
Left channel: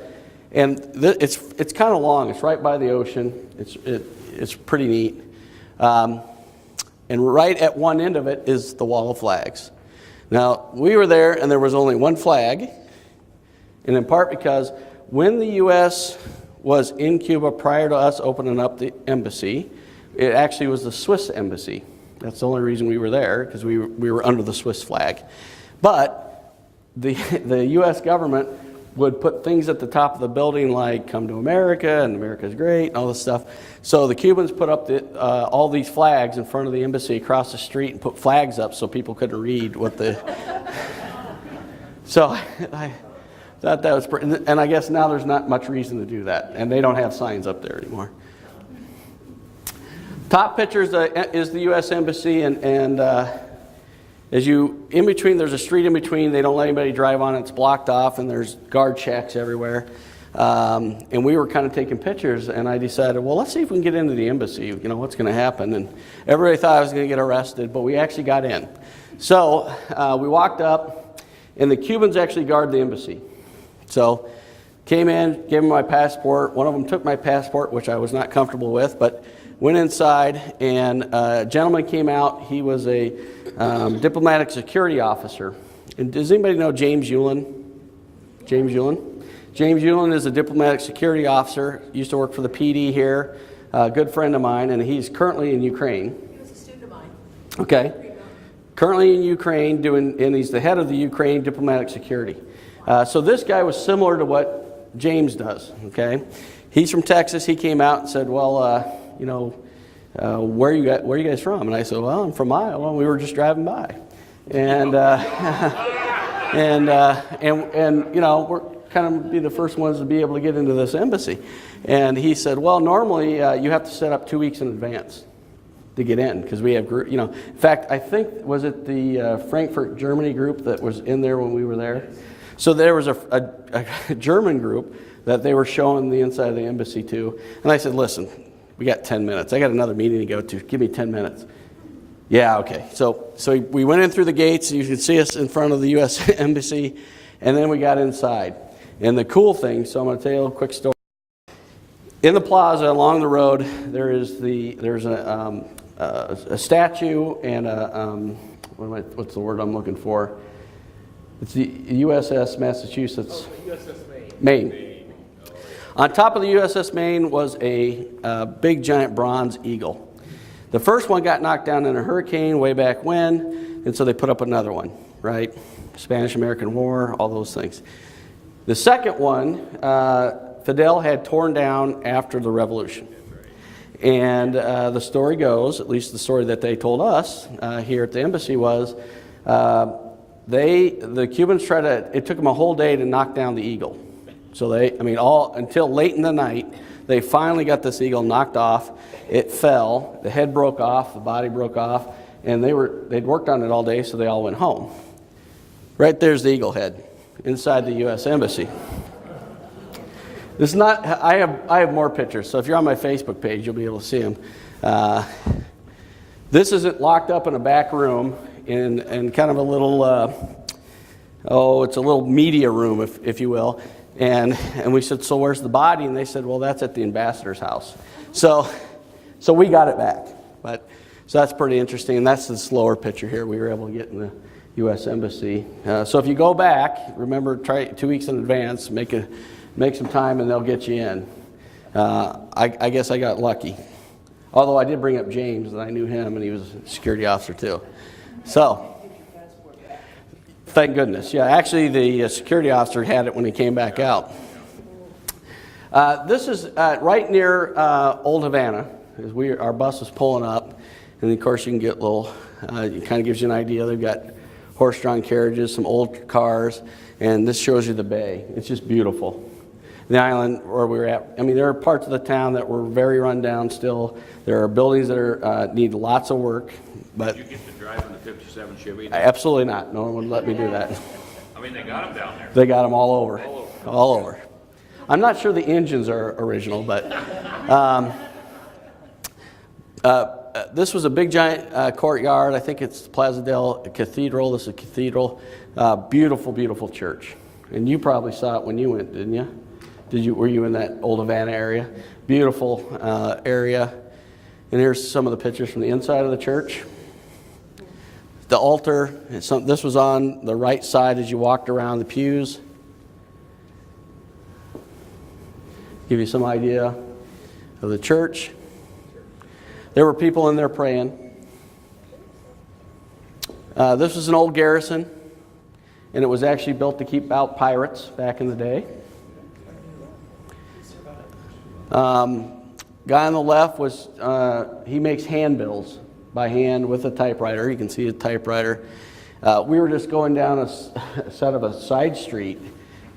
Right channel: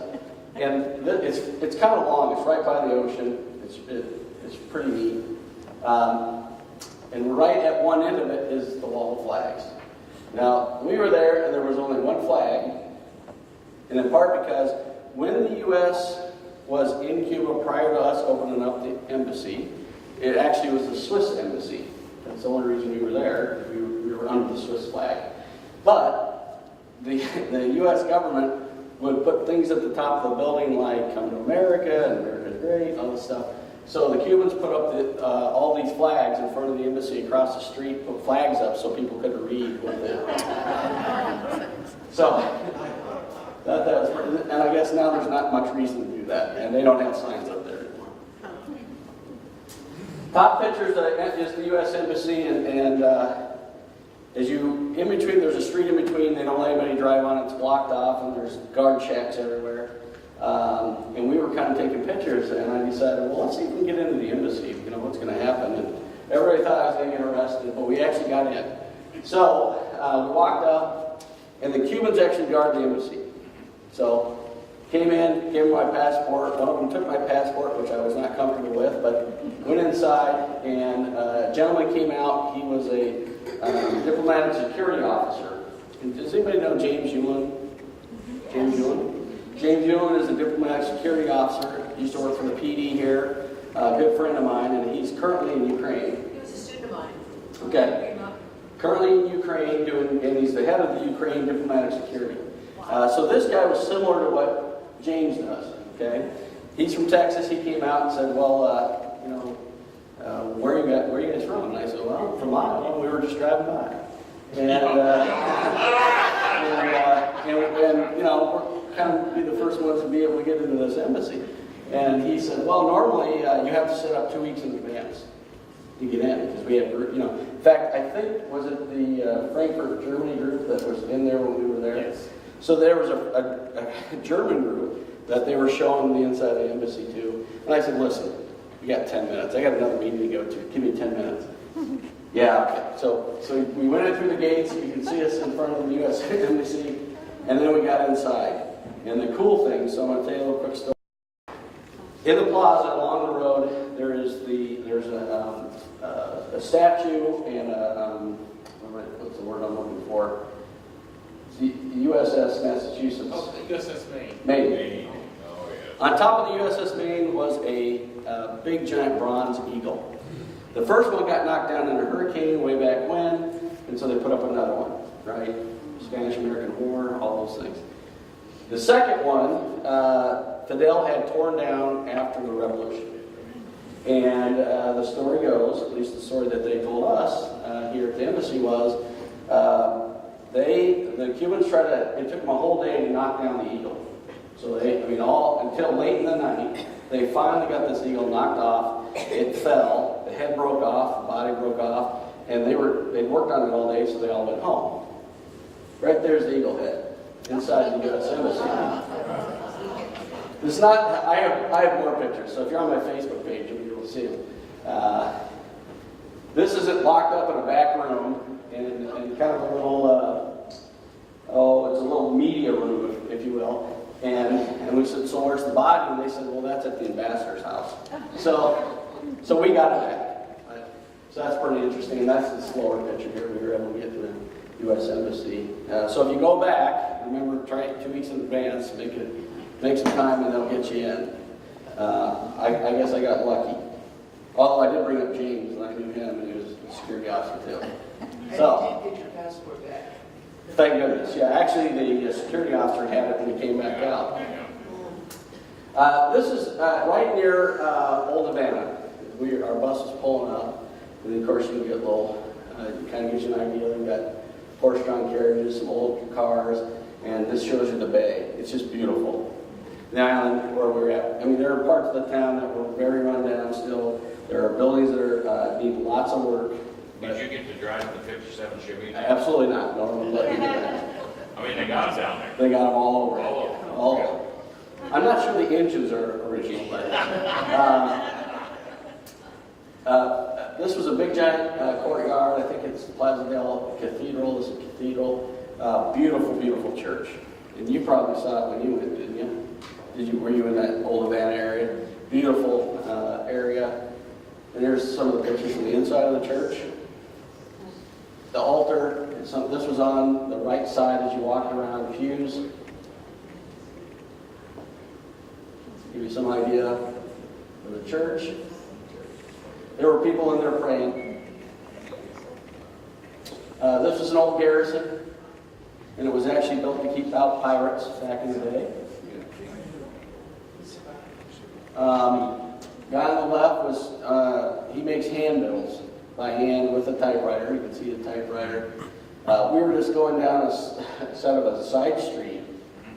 And it's kind of long. It's right by the ocean. It's pretty neat. And right at one end of it is the wall of flags. Now, we were there and there was only one flag, and in part because when the U.S. was in Cuba prior to us opening up the embassy, it actually was the Swiss embassy. That's the only reason we were there, because we were under the Swiss flag. But the U.S. government would put things at the top of the building like "Come to America" and "America's great" and all this stuff. So the Cubans put up all these flags in front of the embassy across the street and put flags up so people couldn't read what the... So I thought that was pretty... And I guess now there's not much reason to do that. And they don't have signs up there anymore. Top picture is the U.S. Embassy, and as you... In between, there's a street in between. They don't let anybody drive on it. It's blocked off, and there's guard checks everywhere. And we were kind of taking pictures, and I decided, well, let's see if we can get into the embassy. What's going to happen? And everybody thought I was going to get arrested, but we actually got in. So we walked up, and the Cubans actually guard the embassy. So came in, gave them my passport. One of them took my passport, which I was not comfortable with, but went inside, and a gentleman came out. He was a diplomatic security officer. And does anybody know James Hewlin? James Hewlin? James Hewlin is a diplomatic security officer, used to work for the PD here, a good friend of mine, and he's currently in Ukraine. He was a student of mine. Okay. Currently in Ukraine, and he's the head of the Ukraine diplomatic security. So this guy was similar to what James does, okay? He's from Texas. He came out and said, well, where are you guys from? And I said, well, I'm from Iowa. We were just driving by. And, we're kind of be the first ones to be able to get into this embassy. And he said, well, normally you have to set up 2 weeks in advance to get in, because we have, in fact, I think, was it the Frankfurt, Germany group that was in there when we were there? Yes. So there was a German group that they were showing the inside of the embassy to. And I said, listen, we got 10 minutes. I got another meeting to go to. Give me 10 minutes. Yeah, okay. So we went in through the gates, and you could see us in front of the U.S. embassy, and then we got inside. And the cool thing, so I'm going to tell you a little quick story. In the plaza along the road, there's a statue and what's the word I'm looking for? It's the USS Massachusetts. Oh, the USS Maine. Maine. Oh, yeah. On top of the USS Maine was a big giant bronze eagle. The first one got knocked down in a hurricane way back when, and so they put up another one, right? Spanish-American War, all those things. The second one, Fidel had torn down after the revolution. And the story goes, at least the story that they told us here at the embassy was, the Cubans it took them a whole day to knock down the eagle. So until late in the night, they finally got this eagle knocked off. It fell, the head broke off, the body broke off, and they'd worked on it all day, so they all went home. Right there's the eagle head inside the U.S. Embassy. This is not, I have more pictures, so if you're on my Facebook page, you'll be able to see them. This isn't locked up in a back room in kind of a little, it's a little media room, if you will. And we said, so where's the body? And they said, well, that's at the ambassador's house. So we got it back. So that's pretty interesting, and that's the slower picture here we were able to get in the U.S. Embassy. So if you go back, remember, try 2 weeks in advance, make some time, and they'll get you in. I guess I got lucky. Although I did bring up James, and I knew him, and he was a security officer too. So, thank goodness. Yeah, actually the security officer had it when he came back out. This is right near Old Havana. Our bus was pulling up, and of course you can get a little, it kind of gives you an idea. They've got horse-drawn carriages, some old cars, and this shows you the bay. It's just beautiful. The island where we were at, there are parts of the town that were very run down still. There are buildings that need lots of work. But did you get to drive in the 57 Chevy? Absolutely not. No one would let me do that. They got them down there. They got them all over. All over. I'm not sure the engines are original, but this was a big giant courtyard. I think it's Plaza del Cathedral. This is a cathedral. Beautiful, beautiful church. And you probably saw it when you went, didn't you? Were you in that Old Havana area? Beautiful area. And here's some of the pictures from the inside of the church. The altar, this was on the right side as you walked around the pews. Give you some idea of the church. There were people in there praying. This was an old garrison, and it was actually built to keep out pirates back in the day. Guy on the left he makes handbills by hand with a typewriter. You can see a typewriter. We were just going down a side of a side street,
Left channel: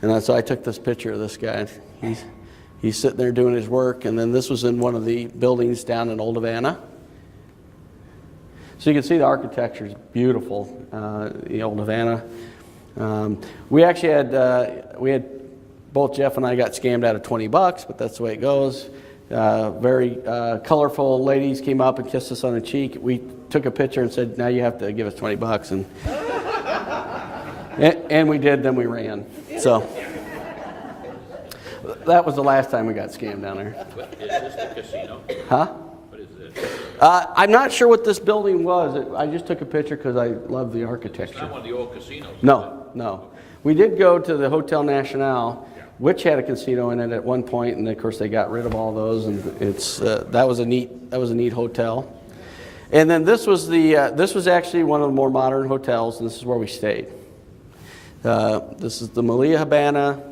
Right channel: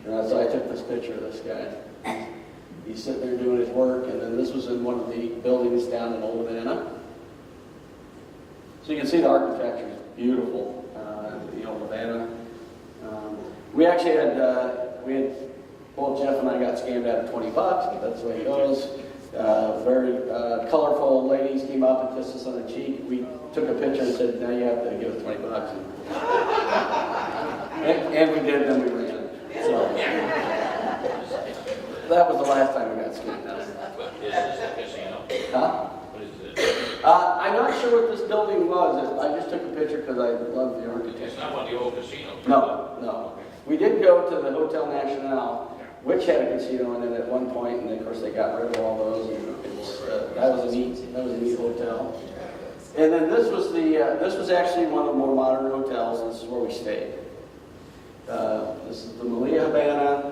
and so I took this picture of this guy. He's sitting there doing his work, and then this was in one of the buildings down in Old Havana. So you can see the architecture is beautiful, the Old Havana. We actually had both Jeff and I got scammed out of $20, but that's the way it goes. Very colorful ladies came up and kissed us on the cheek. We took a picture and said, now you have to give us $20. And we did, then we ran. So that was the last time we got scammed down there. Is this a casino? Huh? What is this? I'm not sure what this building was. I just took a picture because I love the It's architecture. not one of the old casinos. No. We did go to the Hotel Nacional, which had a casino in it at one point, and of course they got rid of all those, and that was a neat hotel. And then this was actually one of the more modern hotels, and this is where we stayed. This is the Malia Habana.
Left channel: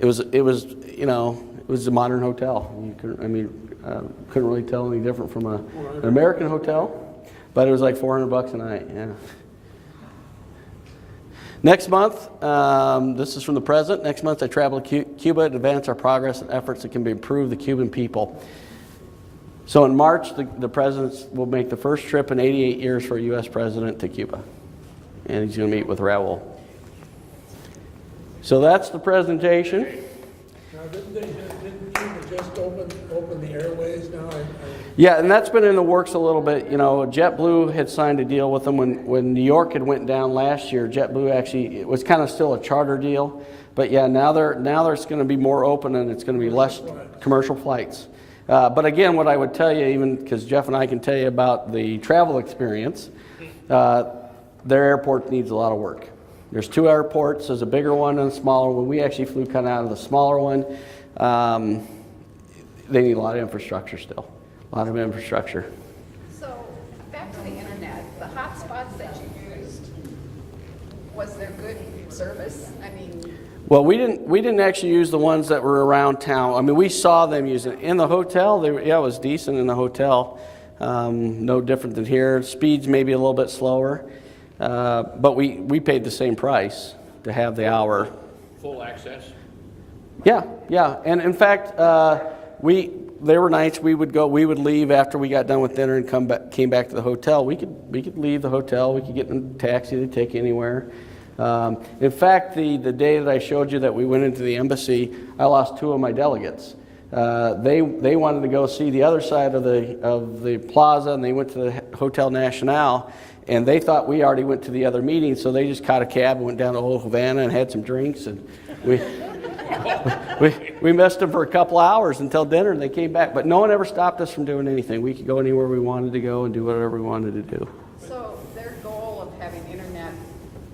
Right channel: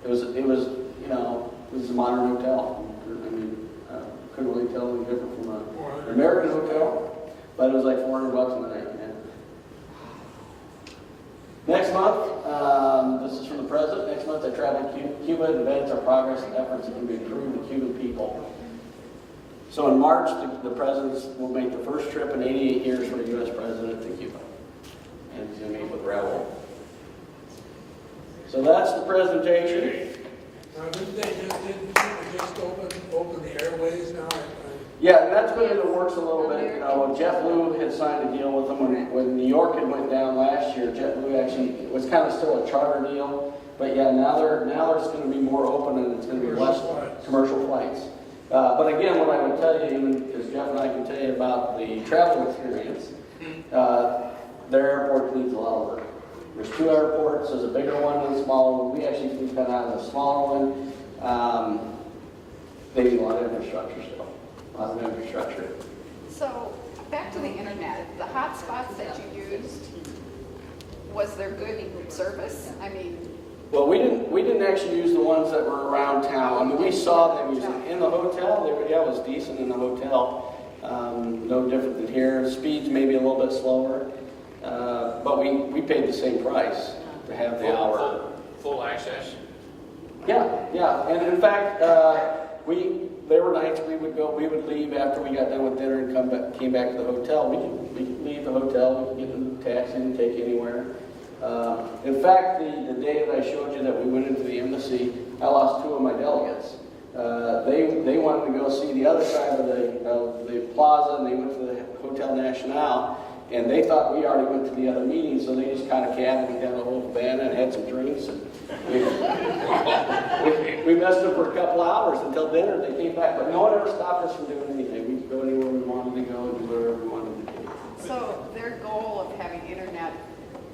It was a modern hotel. Couldn't really tell any different from an American hotel, but it was like $400 a night. Yeah. Next month, this is from the president. Next month, I travel to Cuba to advance our progress and efforts that can improve the Cuban people. So in March, the president will make the first trip in 88 years for a U.S. president to Cuba, and he's going to meet with Raul. So that's the presentation. Now, didn't Cuba just open the airways now? Yeah, and that's been in the works a little bit. JetBlue had signed a deal with them when New York had went down last year. JetBlue actually, it was kind of still a charter deal, but yeah, now there's going to be more open, and it's going to be less commercial flights. But again, what I would tell you, even because Jeff and I can tell you about the travel experience, their airport needs a lot of work. There's 2 airports. There's a bigger one and a smaller one. We actually flew kind of out of the smaller one. They need a lot of infrastructure still. A lot of infrastructure. So, back to the internet, the hotspots that you used, was there good service? Well, we didn't actually use the ones that were around town. I mean, we saw them using it. In the hotel. Yeah, it was decent in the hotel. No different than here. Speeds maybe a little bit slower, but we paid the same price to have the hour. Full access? Yeah, yeah. And in fact, there were nights we would leave after we got done with dinner and came back to the hotel. We could leave the hotel. We could get in a taxi and take anywhere. In fact, the day that I showed you that we went into the embassy, I lost 2 of my delegates. They wanted to go see the other side of the plaza, and they went to the Hotel Nacional, and they thought we already went to the other meeting, so they just caught a cab and went down to Old Havana and had some drinks, and we missed them for a couple hours until dinner, and they came back. But no one ever stopped us from doing anything. We could go anywhere we wanted to go and do whatever we wanted to do. So their goal of having internet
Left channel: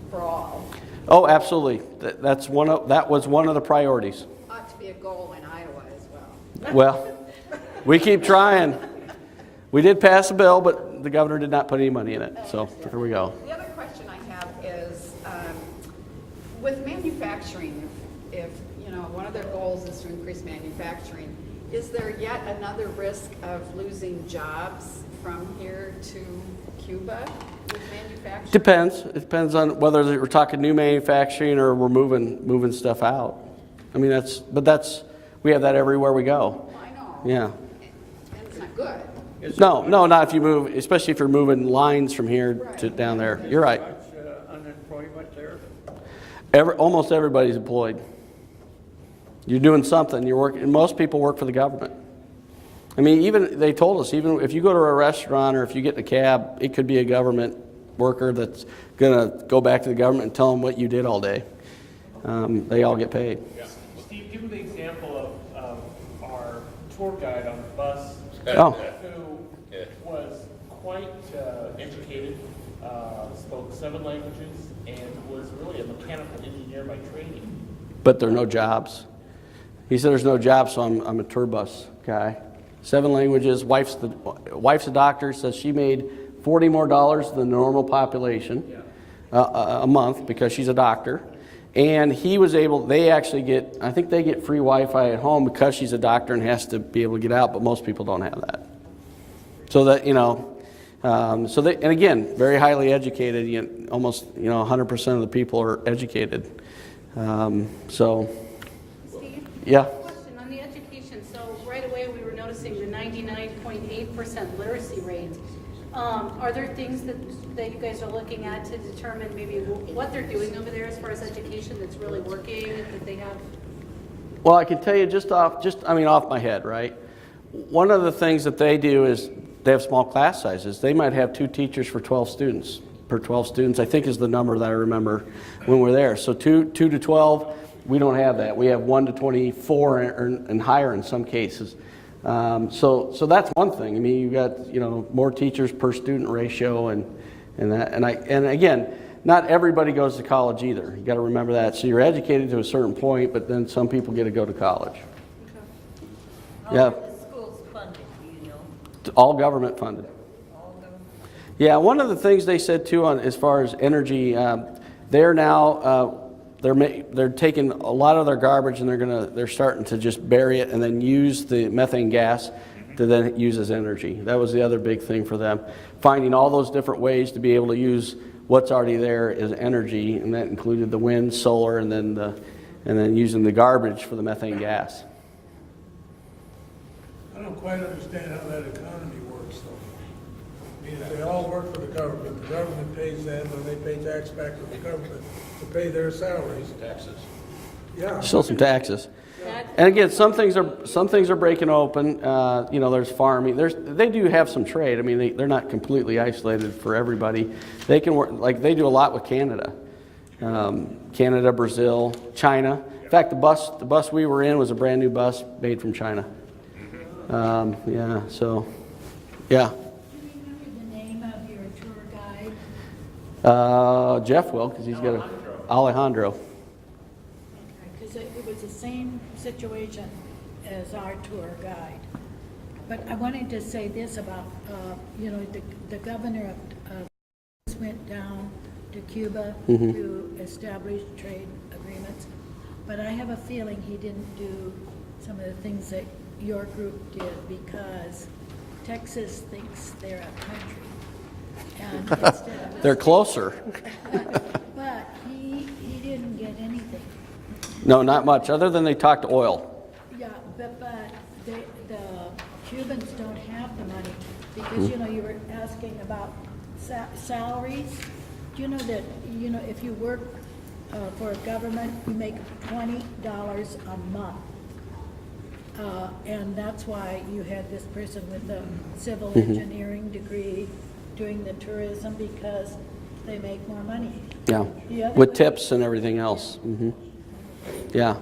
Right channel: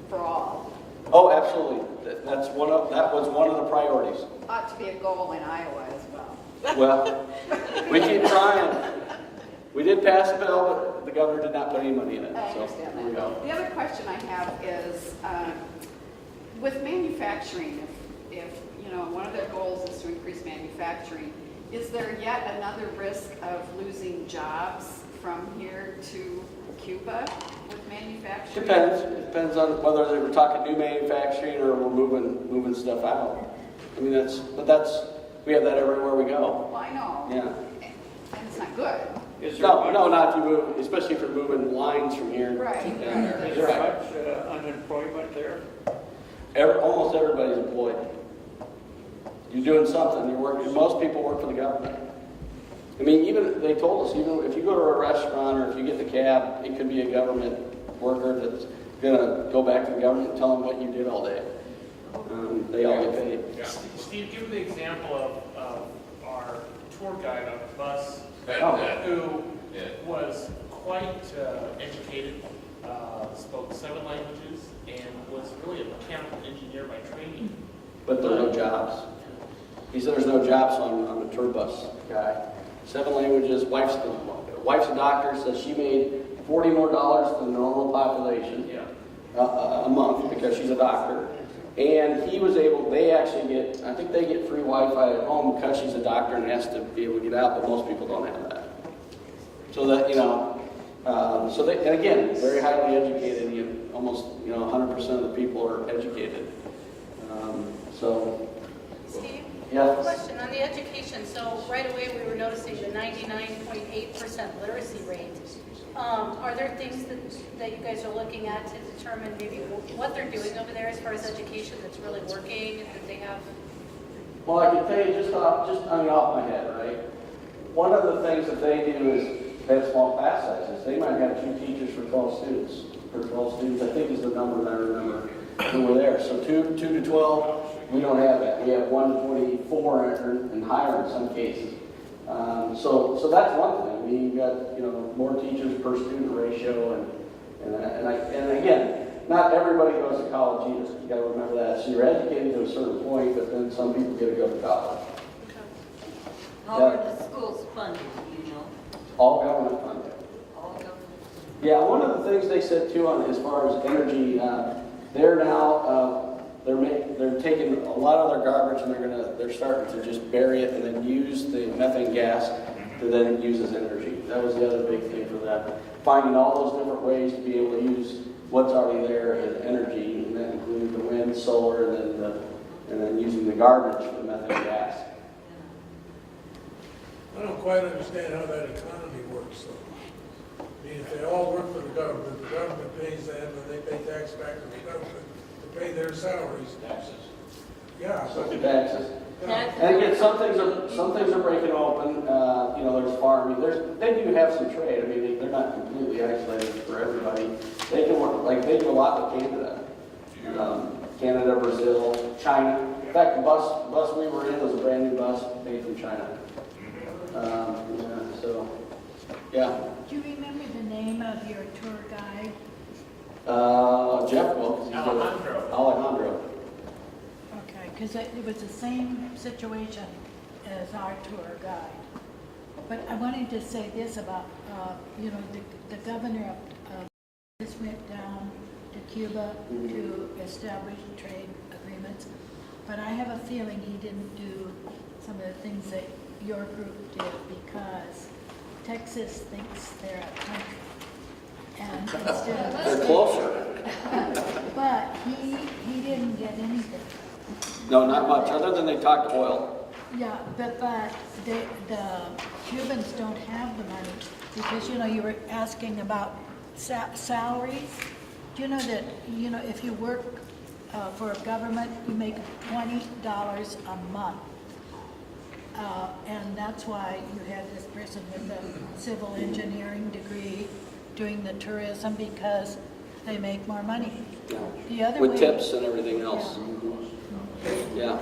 for all Oh, absolutely. That was one of the priorities. ought to be a goal in Iowa as well. Well, we keep trying. We did pass a bill, but the governor did not put any money in it. So here we go. The other question I have is, with manufacturing, if one of their goals is to increase manufacturing, is there yet another risk of losing jobs from here to Cuba with manufacturing? Depends. It depends on whether we're talking new manufacturing or we're moving stuff out. I mean, we have that everywhere we go. Well, I know. Yeah. And it's not good. No, not if you move, especially if you're moving lines from here to Right. down there. You're right. Much unemployment there? Almost everybody's employed. You're doing something. You're working. Most people work for the government. I mean, even they told us, even if you go to a restaurant or if you get in a cab, it could be a government worker that's going to go back to the government and tell them what you did all day. They all get paid. Steve, give them the example of our tour guide on the bus Oh. who was quite educated, spoke 7 languages, and was really a mechanical engineer by training. But there are no jobs. He said there's no jobs, so I'm a tour bus guy. 7 languages. Wife's a doctor. Says she made $40 more than the normal population a month because she's a doctor. And he was able. They actually get. I think they get free Wi-Fi at home because she's a doctor and has to be able to get out. But most people don't have that. So that So they, and again, very highly educated. Almost 100% of the people are educated. Steve? Yeah. Question on the education. So right away we were noticing the 99.8% literacy rate. Are there things that you guys are looking at to determine maybe what they're doing over there as far as education that's really working, that they have? Well, I can tell you off my head, right? One of the things that they do is they have small class sizes. They might have 2 teachers for 12 students. Per 12 students, I think is the number that I remember when we're there. So 2 to 12, we don't have that. We have 1 to 24 and higher in some cases. So that's one thing. I mean, you've got more teachers per student ratio, and again, not everybody goes to college either. You got to remember that. So you're educated to a certain point, but then some people get to go to college. How Yeah. are the schools funded, All government funded. Yeah, one of the things they said too, as far as energy, they're now they're taking a lot of their garbage and they're starting to just bury it and then use the methane gas to then use as energy. That was the other big thing for them, finding all those different ways to be able to use what's already there as energy, and that included the wind, solar, and then using the garbage for the methane gas. I don't quite understand how that economy works, though. I mean, if they all work for the government pays them, and they pay tax back to the government to pay their salaries. Taxes. Yeah. Still some taxes. And again, some things are breaking open. There's farming. They do have some trade. I mean, they're not completely isolated for everybody. They can work, like they do a lot with Canada, Canada, Brazil, China. In fact, the bus we were in was a brand new bus made from China. Yeah. Do you remember the name of your tour guide? Jeff will, because he's got Alejandro. Okay, because it was the same situation as our tour guide. But I wanted to say this about, the governor of just went down to Cuba to establish trade agreements. but I have a feeling he didn't do some of the things that your group did because Texas thinks they're a country. And instead of They're closer. But he didn't get anything. No, not much, other than they talked oil. Yeah, but the Cubans don't have the money because, you know, you were asking about salaries. Do you know that, you know, if you work for a government, you make $20 a month. And that's why you had this person with a civil engineering degree doing the tourism because they make more money. Yeah, The other with way- tips and everything else. Yeah,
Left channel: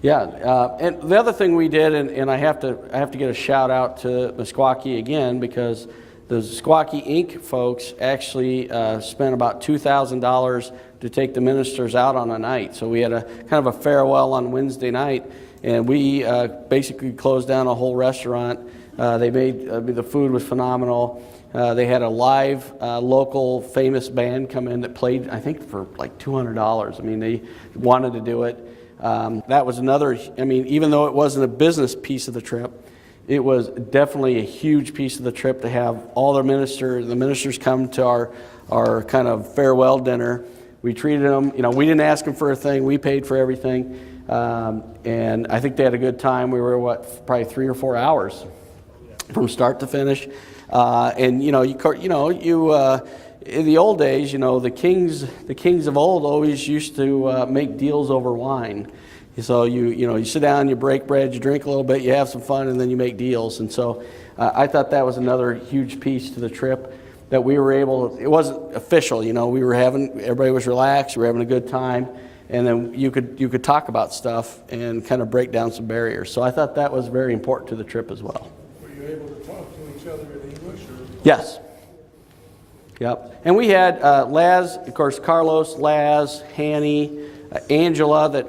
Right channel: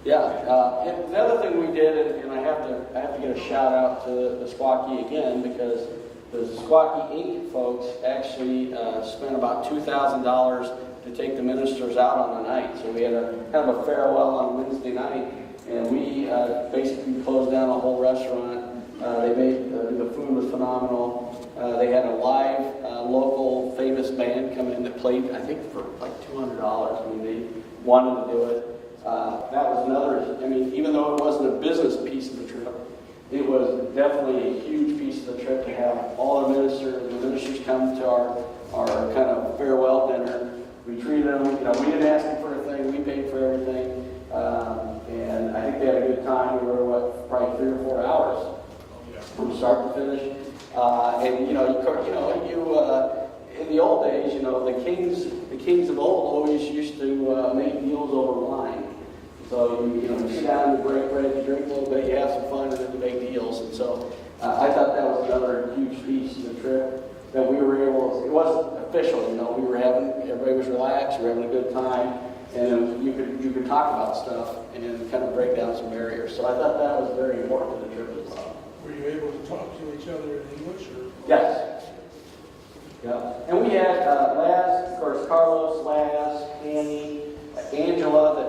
yeah. And the other thing we did, and I have to get a shout out to Meskwaki again because the Meskwaki Inc. folks actually spent about $2,000 to take the ministers out on a night. So we had a kind of a farewell on Wednesday night, and we basically closed down a whole restaurant. They made the food was phenomenal. They had a live local famous band come in that played, I think, for like $200. I mean, they wanted to do it. That was another, I mean, even though it wasn't a business piece of the trip, it was definitely a huge piece of the trip to have all the ministers come to our kind of farewell dinner. We treated them, you know, we didn't ask them for a thing, we paid for everything. And I think they had a good time. We were, probably 3 or 4 hours from start to finish. And you know, in the old days, you know, the kings of old always used to make deals over wine. So you sit down, you break bread, you drink a little bit, you have some fun, and then you make deals. And so I thought that was another huge piece to the trip that we were able to, it wasn't official, you know, everybody was relaxed, we were having a good time, and then you could talk about stuff and kind of break down some barriers. So I thought that was very important to the trip as well. Were you able to talk to each other in English or? Yes. Yep. And we had Laz, of course, Carlos, Laz, Hanny, Angela, that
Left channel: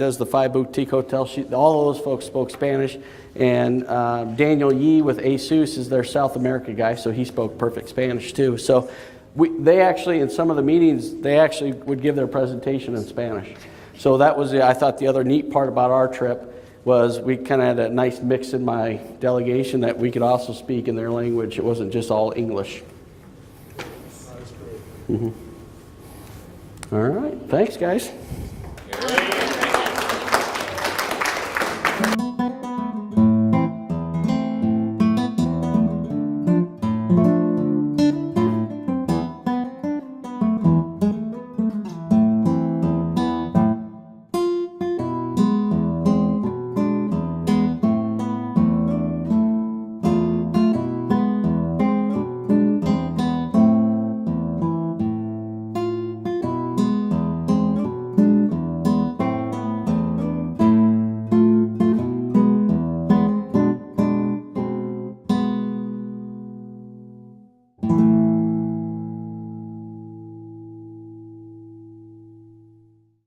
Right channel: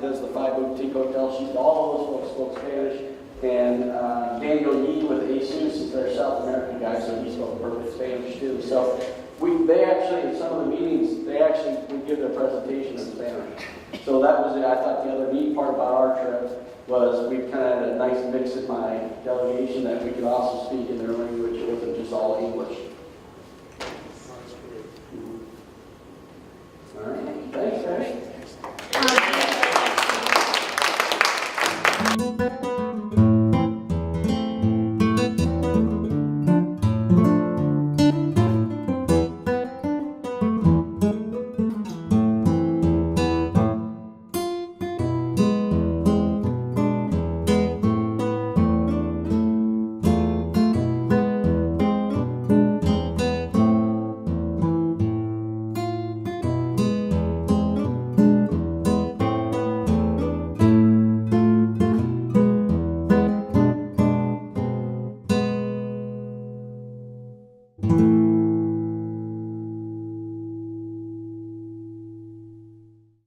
does the 5 boutique hotels. All of those folks spoke Spanish. And Daniel Yee with ASUS is their South America guy, so he spoke perfect Spanish too. So they actually, in some of the meetings, they actually would give their presentation in Spanish. So that was, I thought, the other neat part about our trip was we kind of had a nice mix in my delegation that we could also speak in their language. It wasn't just all English. That's great. All right. Thanks, guys.